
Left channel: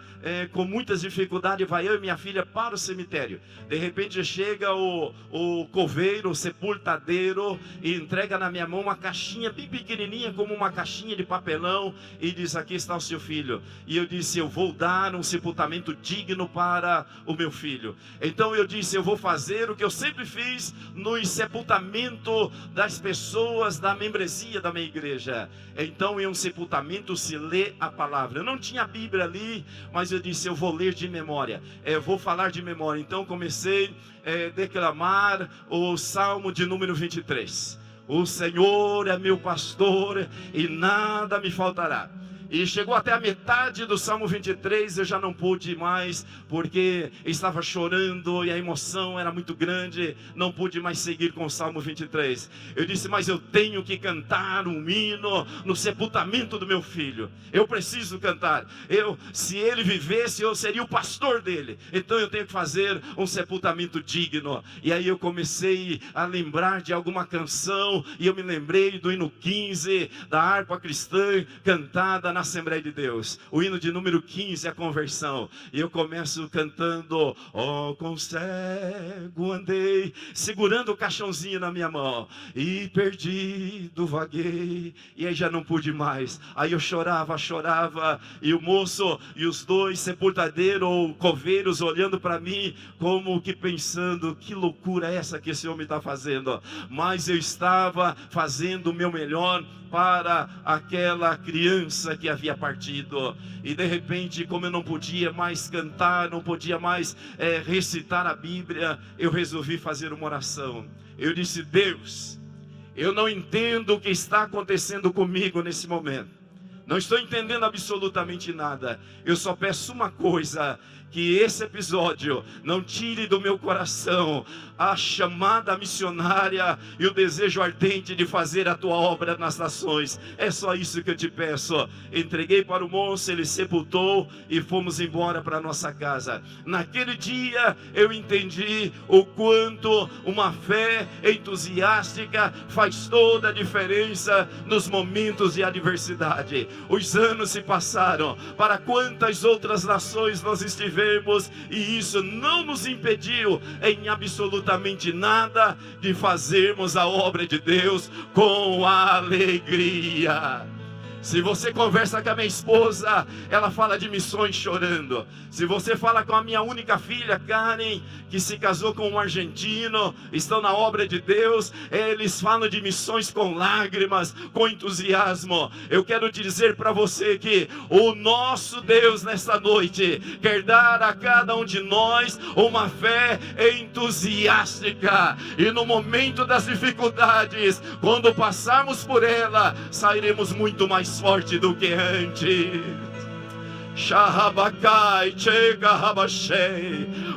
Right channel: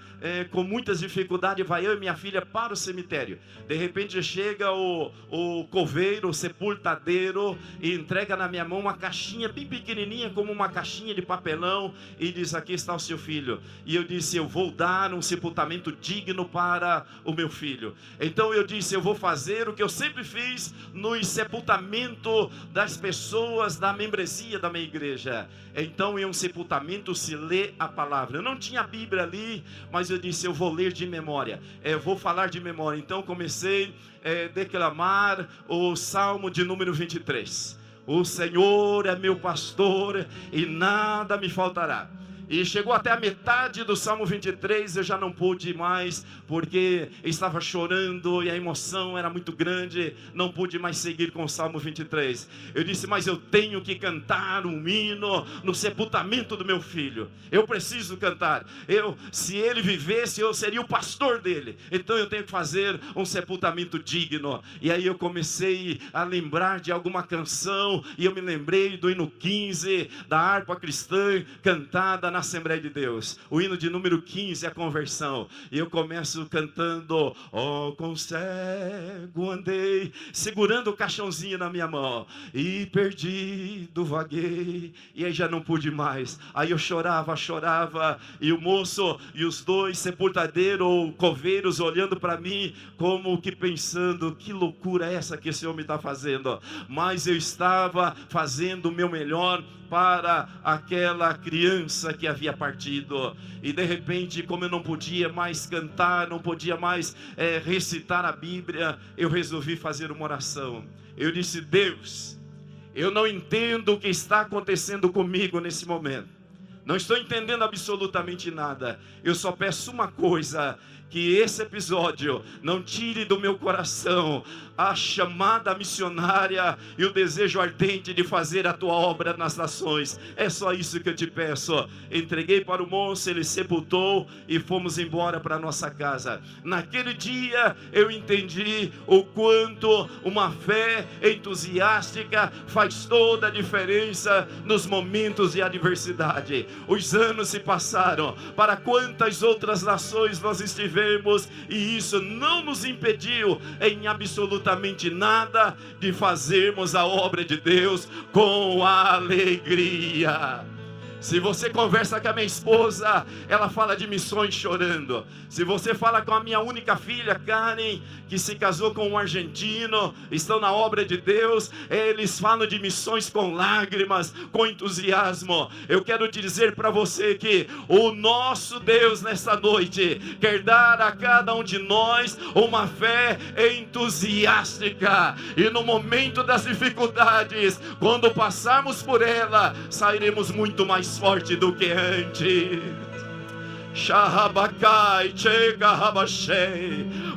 com muitas dificuldades. Vai eu e minha filha para o cemitério. De repente chega o coveiro, o sepultadeiro, e entrega na minha mão uma caixinha bem pequenininha, como uma caixinha de papelão, e diz: aqui está o seu filho. E eu disse: eu vou dar um sepultamento digno para o meu filho. Então eu disse: eu vou fazer o que eu sempre fiz no sepultamento das pessoas da membresia da minha igreja. Então em um sepultamento se lê a palavra. Eu não tinha a Bíblia ali, mas eu disse: eu vou ler de memória, vou falar de memória. Então comecei a declamar o Salmo de número 23. O Senhor é meu pastor e nada me faltará. E chegou até a metade do Salmo 23, eu já não pude mais, porque estava chorando e a emoção era muito grande, não pude mais seguir com o Salmo 23. Eu disse: mas eu tenho que cantar um hino no sepultamento do meu filho. Eu preciso cantar. Se ele vivesse, eu seria o pastor dele. Então eu tenho que fazer um sepultamento digno. E aí eu comecei a lembrar de alguma canção, e eu me lembrei do hino 15, da harpa cristã, cantada na Assembleia de Deus. O hino de número 15 é a conversão. E eu começo cantando: ó, com cego andei, segurando o caixãozinho na minha mão, e perdido vaguei. E aí já não pude mais. Aí eu chorava, e o moço e os dois sepultadeiros ou coveiros olhando para mim, como que pensando: que loucura é essa que esse homem está fazendo? Mas eu estava fazendo o meu melhor para aquela criança que havia partido. E de repente, como eu não podia mais cantar, não podia mais recitar a Bíblia, eu resolvi fazer uma oração. Eu disse: Deus, eu não entendo o que está acontecendo comigo nesse momento. Não estou entendendo absolutamente nada. Eu só peço uma coisa: que esse episódio não tire do meu coração a chamada missionária e o desejo ardente de fazer a tua obra nas nações. É só isso que eu te peço. Entreguei para o moço, ele sepultou e fomos embora para nossa casa. Naquele dia eu entendi o quanto uma fé entusiástica faz toda a diferença nos momentos de adversidade. Os anos se passaram, para quantas outras nações nós estivemos, e isso não nos impediu em absolutamente nada de fazermos a obra de Deus com alegria. Se você conversa com a minha esposa, ela fala de missões chorando. Se você fala com a minha única filha, Karen, que se casou com um argentino, estão na obra de Deus, eles falam de missões com lágrimas, com entusiasmo. Eu quero dizer para você que o nosso Deus nesta noite quer dar a cada um de nós uma fé entusiástica. E no momento das dificuldades, quando passarmos por ela, sairemos muito mais forte do que antes.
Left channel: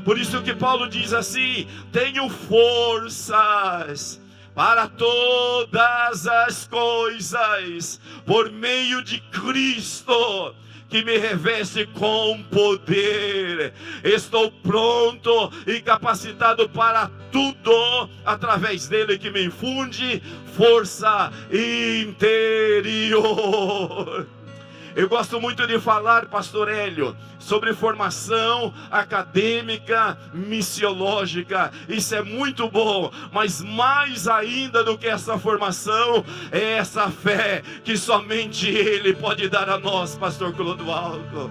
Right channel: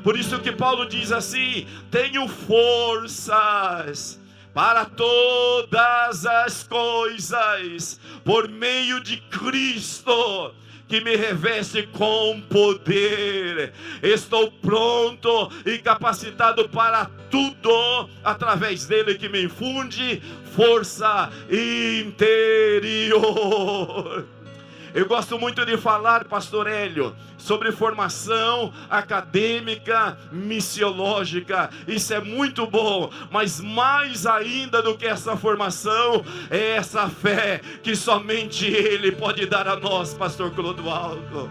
Por isso que Paulo diz assim: tenho forças para todas as coisas por meio de Cristo que me reveste com poder. Estou pronto e capacitado para tudo através dele que me infunde força interior. Eu gosto muito de falar, pastor Hélio, sobre formação acadêmica, missiológica. Isso é muito bom, mas mais ainda do que essa formação, é essa fé que somente Ele pode dar a nós, pastor Clodoaldo.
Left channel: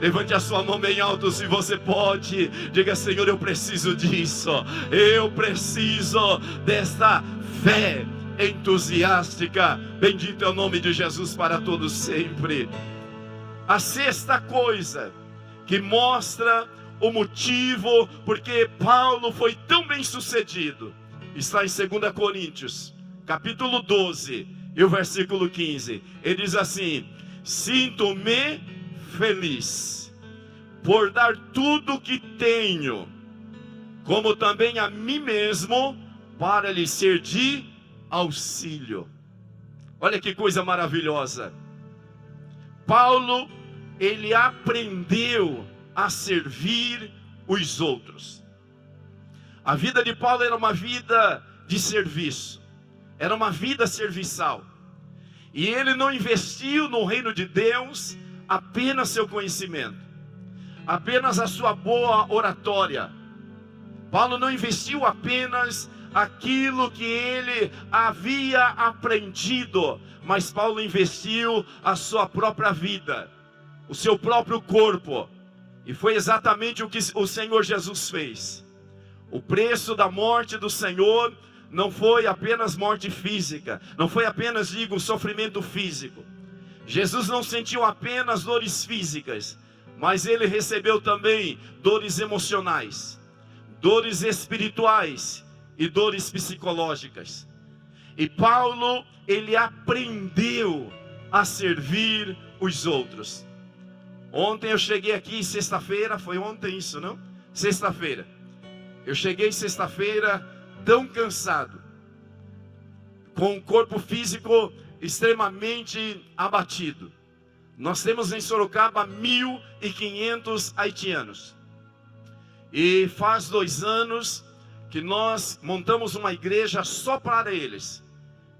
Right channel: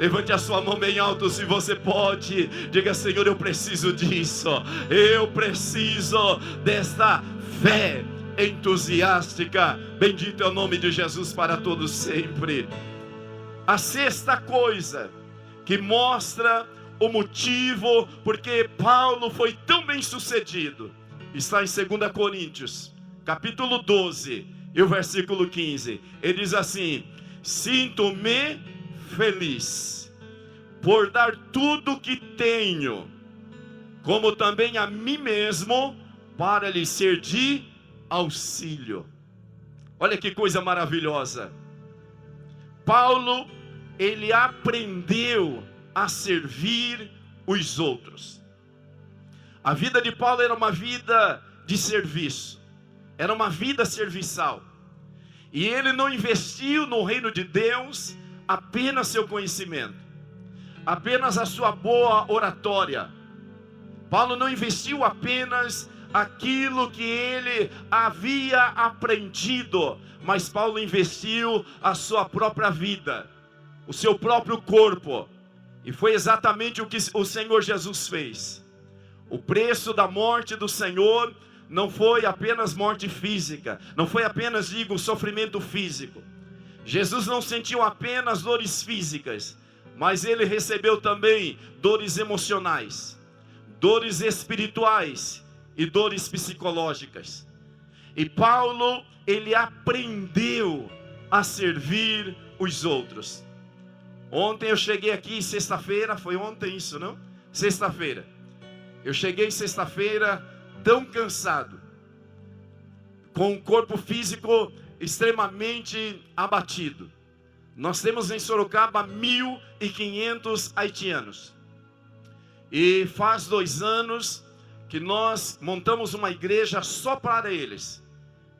Levante a sua mão bem alto se você pode. Diga: Senhor, eu preciso disso. Eu preciso desta fé entusiástica. Bendito é o nome de Jesus para todos sempre. A sexta coisa que mostra o motivo porque Paulo foi tão bem sucedido está em 2 Coríntios capítulo 12 e o versículo 15. Ele diz assim: sinto-me feliz por dar tudo o que tenho, como também a mim mesmo, para lhe ser de auxílio. Olha que coisa maravilhosa. Paulo, ele aprendeu a servir os outros. A vida de Paulo era uma vida de serviço, era uma vida serviçal. E ele não investiu no reino de Deus apenas seu conhecimento, apenas a sua boa oratória. Paulo não investiu apenas aquilo que ele havia aprendido, mas Paulo investiu a sua própria vida, o seu próprio corpo. E foi exatamente o que o Senhor Jesus fez. O preço da morte do Senhor não foi apenas morte física, não foi apenas, sofrimento físico. Jesus não sentiu apenas dores físicas, mas ele recebeu também dores emocionais, dores espirituais e dores psicológicas. E Paulo, ele aprendeu a servir os outros. Ontem eu cheguei aqui, sexta-feira, foi ontem isso, não? Sexta-feira. Eu cheguei sexta-feira tão cansado, com o corpo físico extremamente abatido. Nós temos em Sorocaba 1.500 haitianos. E faz 2 anos que nós montamos uma igreja só para eles.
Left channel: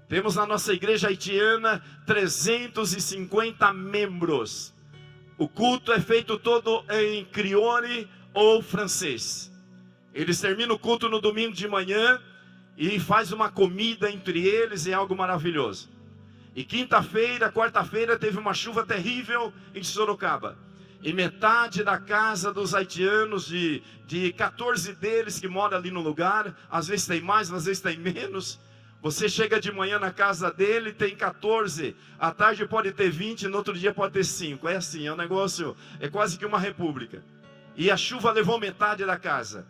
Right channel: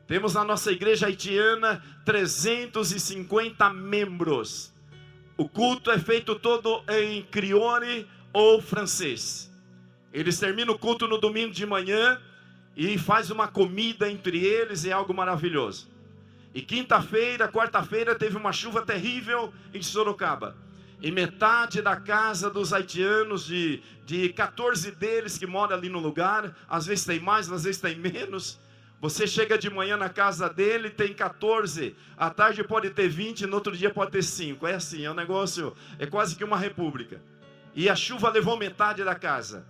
Temos na nossa igreja haitiana 350 membros. O culto é feito todo em crioulo ou francês. Eles terminam o culto no domingo de manhã e faz uma comida entre eles, é algo maravilhoso. E quinta-feira, quarta-feira teve uma chuva terrível em Sorocaba. E metade da casa dos haitianos, de 14 deles que moram ali no lugar, às vezes tem mais, às vezes tem menos. Você chega de manhã na casa dele, tem 14, à tarde pode ter 20, no outro dia pode ter 5. É assim, é um negócio, é quase que uma república. E a chuva levou metade da casa.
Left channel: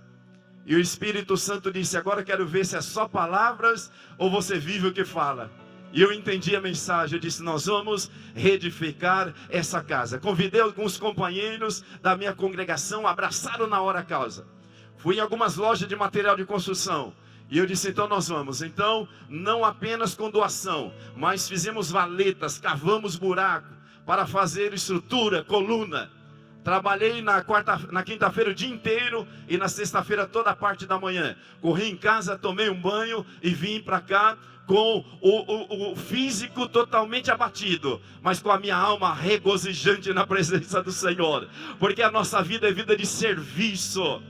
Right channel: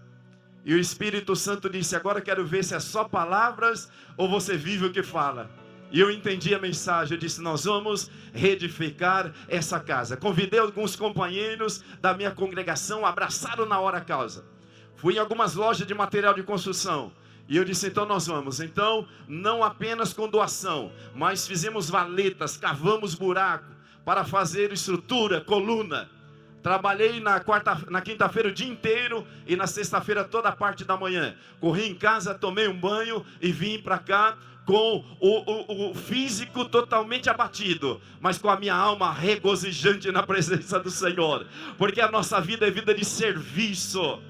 E o Espírito Santo disse: agora quero ver se é só palavras ou você vive o que fala. E eu entendi a mensagem. Eu disse: nós vamos reedificar essa casa. Convidei alguns companheiros da minha congregação, abraçaram na hora a causa. Fui em algumas lojas de material de construção. E eu disse: então nós vamos. Então, não apenas com doação, mas fizemos valetas, cavamos buraco para fazer estrutura, coluna. Trabalhei na quinta-feira o dia inteiro e na sexta-feira toda a parte da manhã. Corri em casa, tomei um banho e vim para cá com o físico totalmente abatido, mas com a minha alma regozijante na presença do Senhor. Porque a nossa vida é vida de serviço.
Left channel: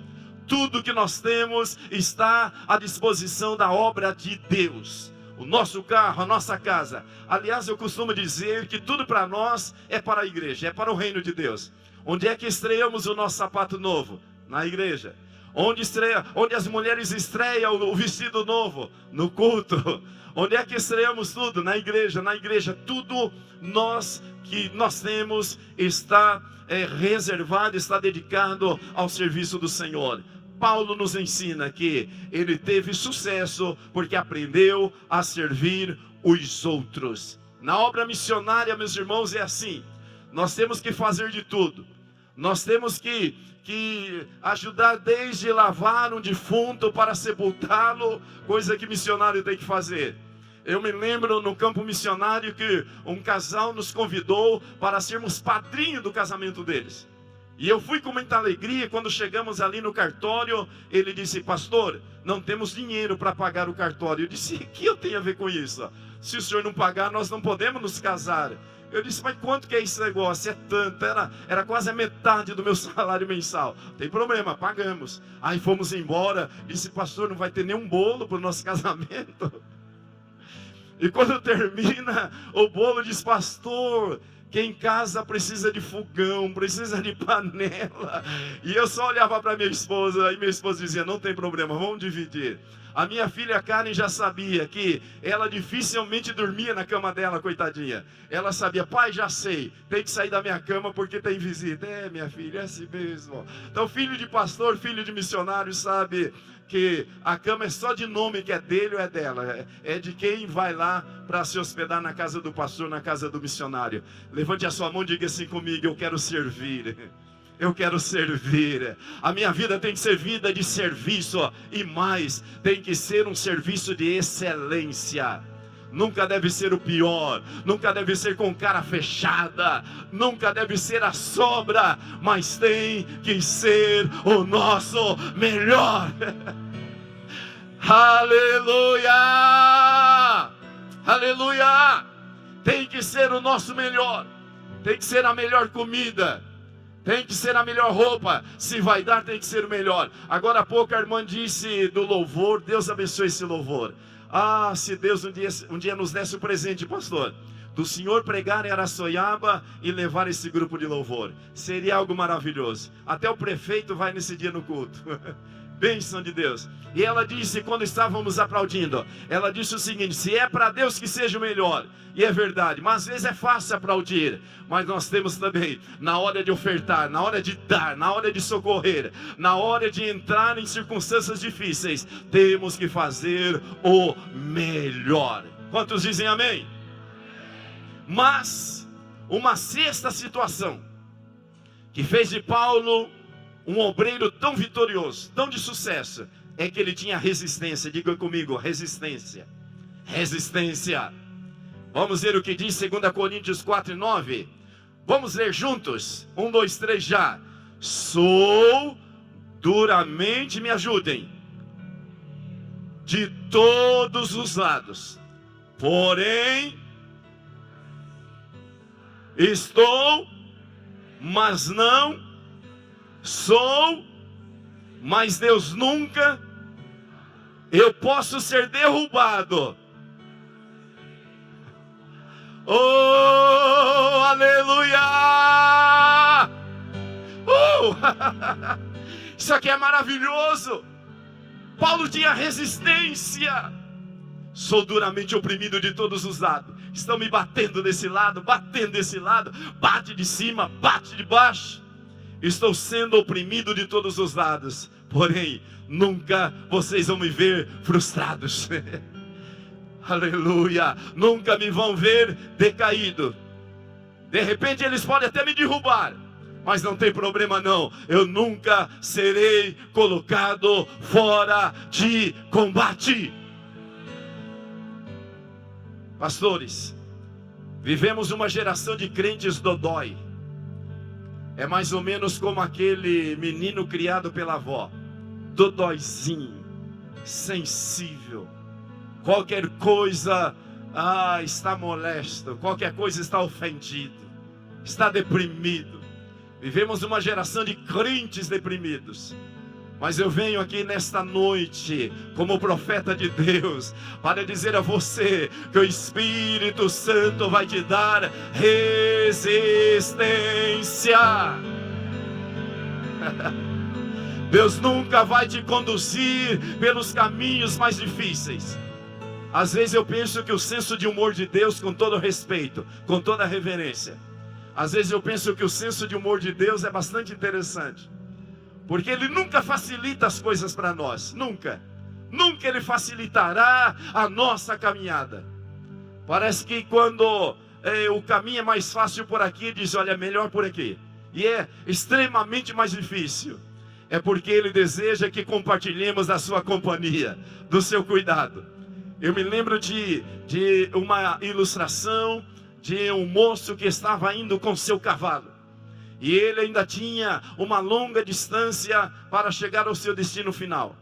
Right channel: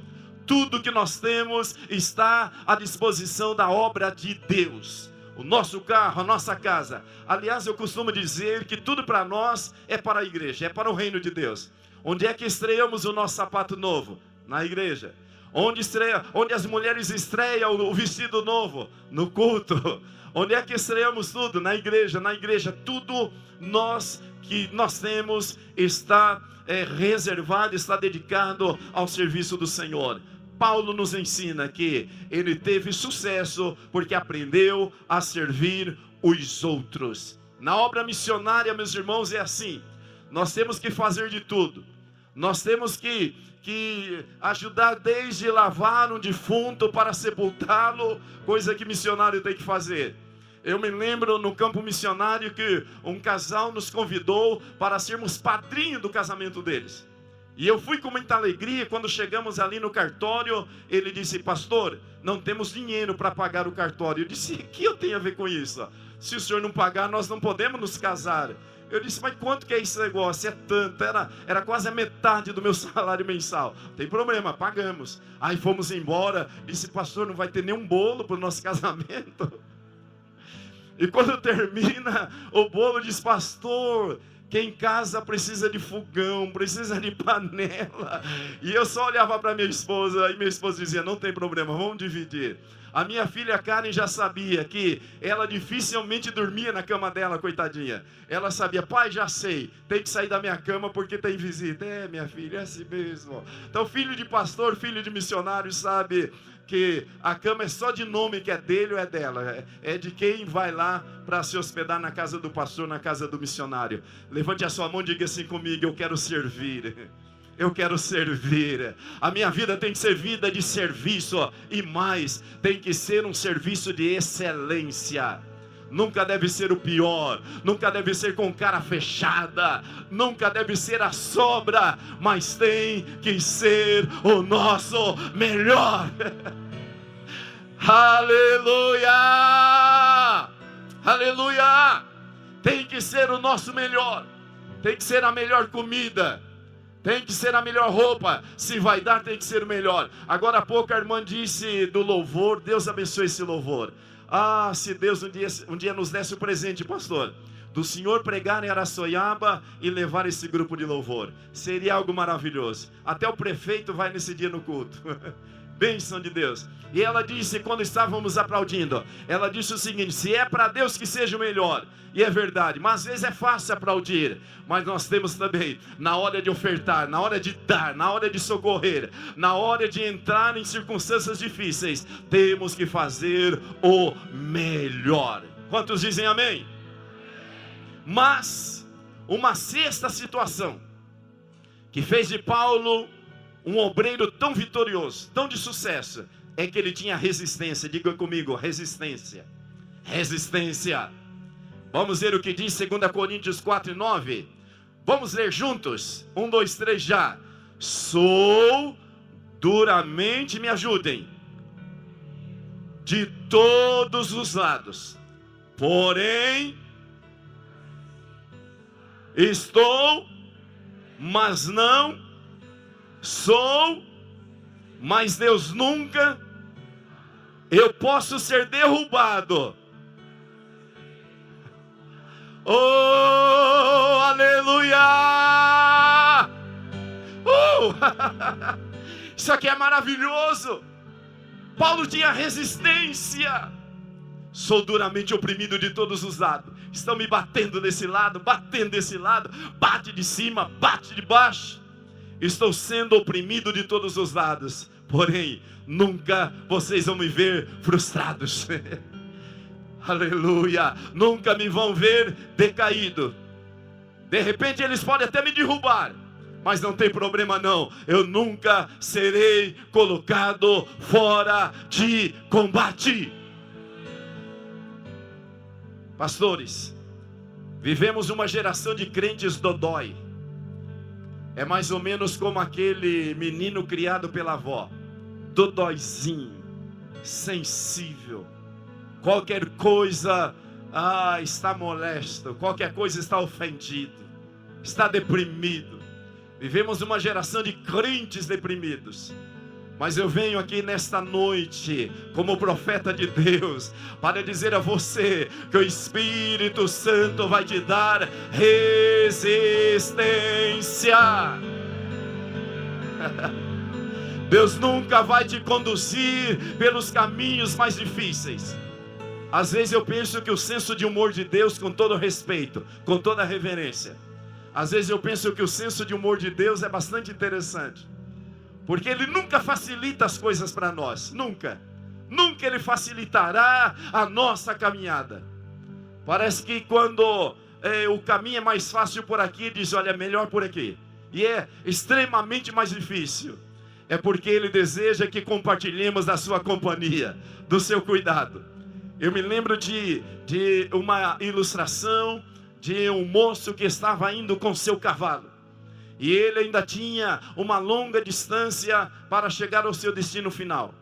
Tudo que nós temos está à disposição da obra de Deus. O nosso carro, a nossa casa. Aliás, eu costumo dizer que tudo para nós é para a igreja, é para o reino de Deus. Onde é que estreamos o nosso sapato novo? Na igreja. Onde as mulheres estreiam o vestido novo? No culto. Onde é que estreamos tudo? Na igreja. Na igreja. Tudo que nós temos está reservado, está dedicado ao serviço do Senhor. Paulo nos ensina que ele teve sucesso porque aprendeu a servir os outros. Na obra missionária, meus irmãos, é assim. Nós temos que fazer de tudo. Nós temos que ajudar desde lavar um defunto para sepultá-lo, coisa que missionário tem que fazer. Eu me lembro no campo missionário que um casal nos convidou para sermos padrinho do casamento deles. E eu fui com muita alegria. Quando chegamos ali no cartório, ele disse: pastor, não temos dinheiro para pagar o cartório. Eu disse: o que eu tenho a ver com isso? Se o senhor não pagar, nós não podemos nos casar. Eu disse: mas quanto que é esse negócio? É tanto, era quase a metade do meu salário mensal. Tem problema, pagamos. Aí fomos embora. Disse: pastor, não vai ter nenhum bolo para o nosso casamento? E quando termina o bolo, diz: pastor, quem casa precisa de fogão, precisa de panela. E eu só olhava para minha esposa, e minha esposa dizia: não tem problema, vamos dividir. A minha filha Karen já sabia que ela dificilmente dormia na cama dela, coitadinha. Ela sabia: pai, já sei, tem que sair da minha cama porque tem visita. É, minha filha, é assim mesmo. Então, filho de pastor, filho de missionário, sabe que a cama é só de nome, que é dele ou é dela. É de quem vai lá para se hospedar na casa do pastor, na casa do missionário. Levante a sua mão e diga assim comigo: eu quero servir. Eu quero servir. A minha vida tem que ser vida de serviço. E mais, tem que ser um serviço de excelência. Nunca deve ser o pior. Nunca deve ser com cara fechada. Nunca deve ser a sobra. Mas tem que ser o nosso melhor. Aleluia! Aleluia! Tem que ser o nosso melhor. Tem que ser a melhor comida. Tem que ser a melhor roupa. Se vai dar, tem que ser o melhor. Agora há pouco a irmã disse do louvor. Deus abençoe esse louvor. Ah, se Deus um dia nos desse o presente, pastor, do senhor pregar em Araçoiaba e levar esse grupo de louvor. Seria algo maravilhoso. Até o prefeito vai nesse dia no culto. Bênção de Deus. E ela disse, quando estávamos aplaudindo, ela disse o seguinte: se é para Deus que seja o melhor. E é verdade, mas às vezes é fácil aplaudir. Mas nós temos também, na hora de ofertar, na hora de dar, na hora de socorrer, na hora de entrar em circunstâncias difíceis, temos que fazer o melhor. Quantos dizem amém? Mas uma sexta situação que fez de Paulo um obreiro tão vitorioso, tão de sucesso, é que ele tinha resistência. Diga comigo: resistência. Resistência. Vamos ver o que diz 2 Coríntios 4:9. Vamos ler juntos. 1, 2, 3 já. Sou duramente, me ajudem, de todos os lados, porém estou, mas não sou, mas Deus nunca. Eu posso ser derrubado. Oh, aleluia! Isso aqui é maravilhoso. Paulo tinha resistência. Sou duramente oprimido de todos os lados. Estão me batendo desse lado, batendo desse lado. Bate de cima, bate de baixo. Estou sendo oprimido de todos os lados. Porém, nunca vocês vão me ver frustrados. Aleluia. Nunca me vão ver decaído. De repente eles podem até me derrubar, mas não tem problema não. Eu nunca serei colocado fora de combate. Pastores, vivemos uma geração de crentes dodói. É mais ou menos como aquele menino criado pela avó. Dodóizinho, sensível. Qualquer coisa, está molesto. Qualquer coisa está ofendido. Está deprimido. Vivemos uma geração de crentes deprimidos. Mas eu venho aqui nesta noite, como profeta de Deus, para dizer a você que o Espírito Santo vai te dar resistência. Deus nunca vai te conduzir pelos caminhos mais difíceis. Às vezes eu penso que o senso de humor de Deus, com todo respeito, com toda reverência, às vezes eu penso que o senso de humor de Deus é bastante interessante. Porque Ele nunca facilita as coisas para nós. Nunca. Nunca Ele facilitará a nossa caminhada. Parece que quando o caminho é mais fácil por aqui, diz, olha, é melhor por aqui. E é extremamente mais difícil. É porque Ele deseja que compartilhemos da sua companhia, do seu cuidado. Eu me lembro de uma ilustração de um moço que estava indo com seu cavalo. E ele ainda tinha uma longa distância para chegar ao seu destino final.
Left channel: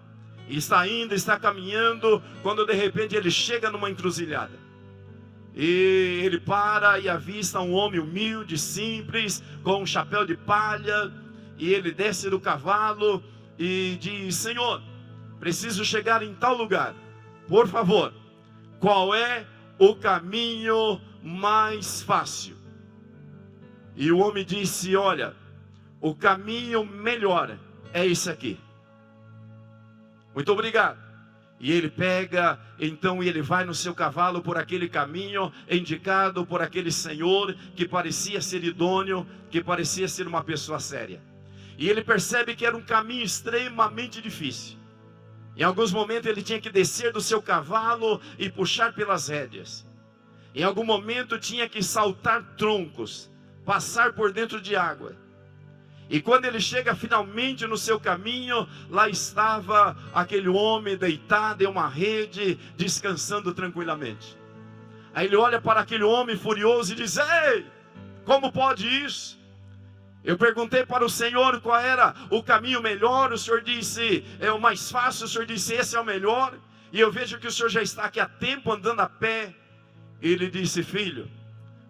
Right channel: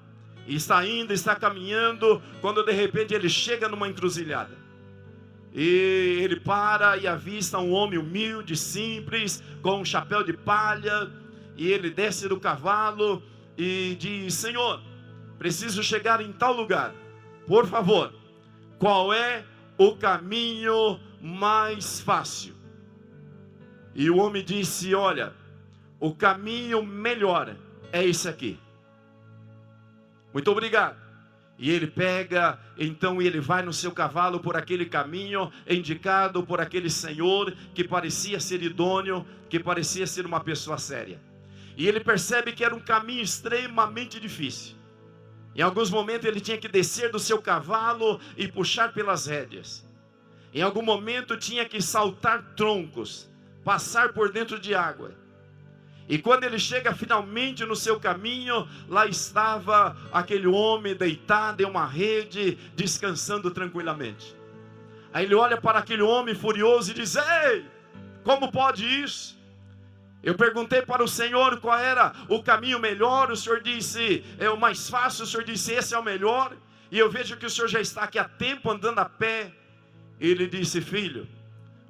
E está indo, está caminhando, quando de repente ele chega numa encruzilhada. E ele para e avista um homem humilde, simples, com um chapéu de palha. E ele desce do cavalo e diz, Senhor, preciso chegar em tal lugar. Por favor, qual é o caminho mais fácil? E o homem disse, olha, o caminho melhor é esse aqui. Muito obrigado. E ele pega, então ele vai no seu cavalo por aquele caminho indicado por aquele senhor que parecia ser idôneo, que parecia ser uma pessoa séria. E ele percebe que era um caminho extremamente difícil. Em alguns momentos ele tinha que descer do seu cavalo e puxar pelas rédeas. Em algum momento tinha que saltar troncos, passar por dentro de água. E quando ele chega finalmente no seu caminho, lá estava aquele homem deitado em uma rede, descansando tranquilamente. Aí ele olha para aquele homem furioso e diz, ei, como pode isso? Eu perguntei para o Senhor qual era o caminho melhor, o Senhor disse, é o mais fácil, o Senhor disse, esse é o melhor. E eu vejo que o Senhor já está aqui há tempo andando a pé. Ele disse, filho,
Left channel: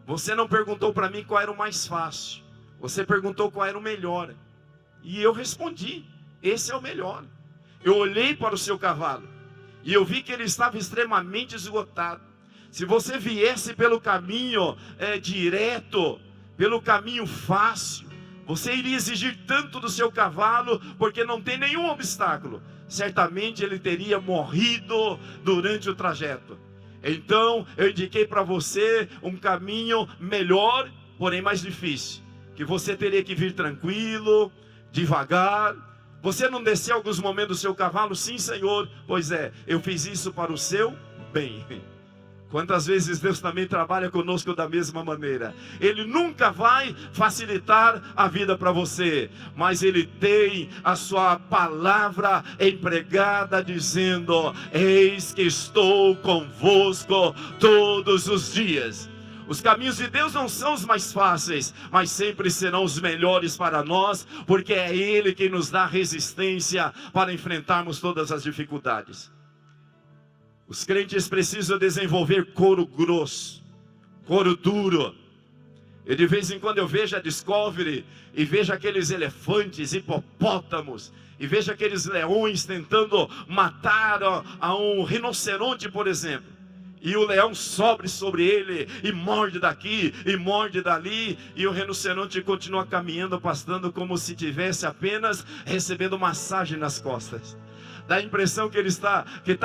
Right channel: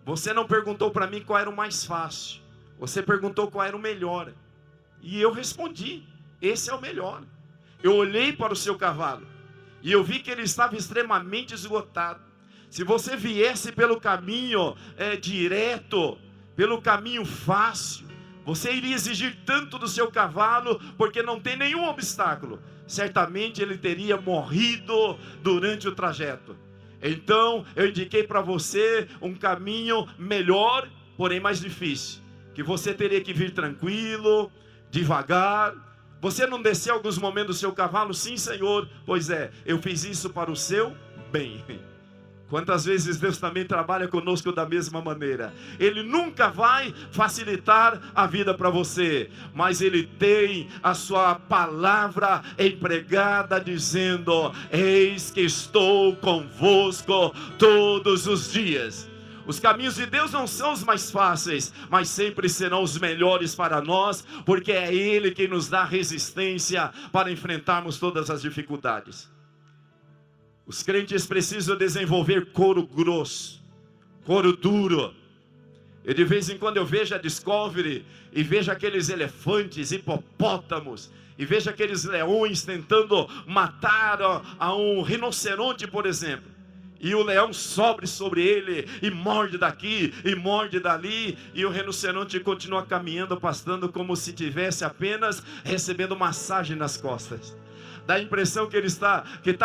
você não perguntou para mim qual era o mais fácil. Você perguntou qual era o melhor. E eu respondi, esse é o melhor. Eu olhei para o seu cavalo e eu vi que ele estava extremamente esgotado. Se você viesse pelo caminho direto, pelo caminho fácil, você iria exigir tanto do seu cavalo, porque não tem nenhum obstáculo. Certamente ele teria morrido durante o trajeto. Então eu indiquei para você um caminho melhor, porém mais difícil. Que você teria que vir tranquilo, devagar. Você não desceu alguns momentos do seu cavalo? Sim, Senhor. Pois é, eu fiz isso para o seu bem. Quantas vezes Deus também trabalha conosco da mesma maneira. Ele nunca vai facilitar a vida para você, mas Ele tem a sua palavra empregada dizendo, eis que estou convosco todos os dias. Os caminhos de Deus não são os mais fáceis, mas sempre serão os melhores para nós, porque é Ele quem nos dá resistência para enfrentarmos todas as dificuldades. Os crentes precisam desenvolver couro grosso, couro duro. E de vez em quando eu vejo a Discovery e vejo aqueles elefantes, hipopótamos, e vejo aqueles leões tentando matar a um rinoceronte, por exemplo. E o leão sobe sobre ele e morde daqui e morde dali. E o rinoceronte continua caminhando, pastando como se tivesse apenas recebendo massagem nas costas. Dá a impressão que ele está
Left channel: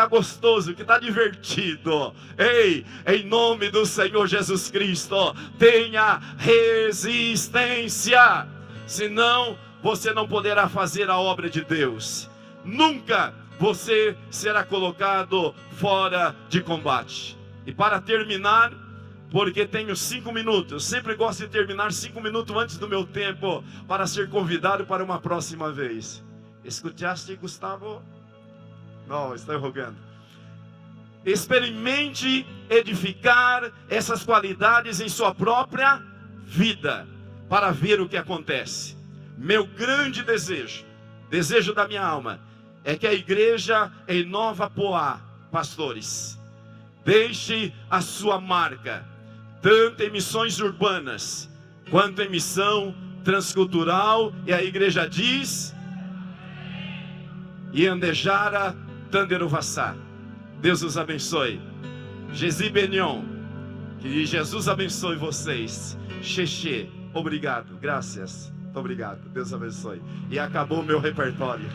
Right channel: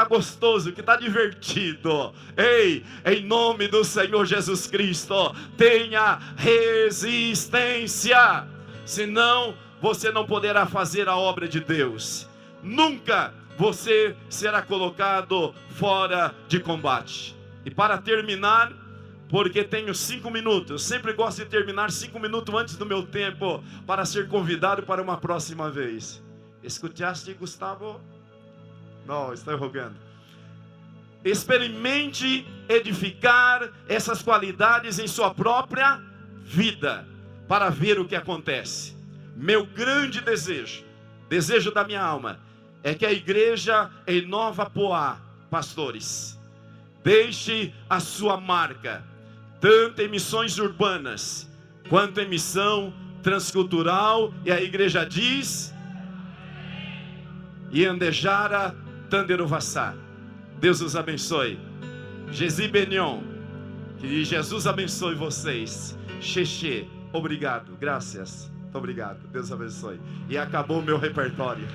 gostoso, que está divertido. Ei, em nome do Senhor Jesus Cristo, tenha resistência. Senão você não poderá fazer a obra de Deus. Nunca você será colocado fora de combate. E para terminar, porque tenho 5 minutos, eu sempre gosto de terminar 5 minutos antes do meu tempo, para ser convidado para uma próxima vez. Escutaste, Gustavo? Não, estou rogando. Experimente edificar essas qualidades em sua própria vida, para ver o que acontece. Meu grande desejo da minha alma, é que a igreja em Nova Poá, pastores, deixe a sua marca, tanto em missões urbanas, quanto em missão transcultural, e a igreja diz, Iandejara Tanderovassá. Deus os abençoe. Jesus Benyon. Que Jesus abençoe vocês. Xexê. Obrigado. Graças. Obrigado. Deus abençoe. E acabou o meu repertório.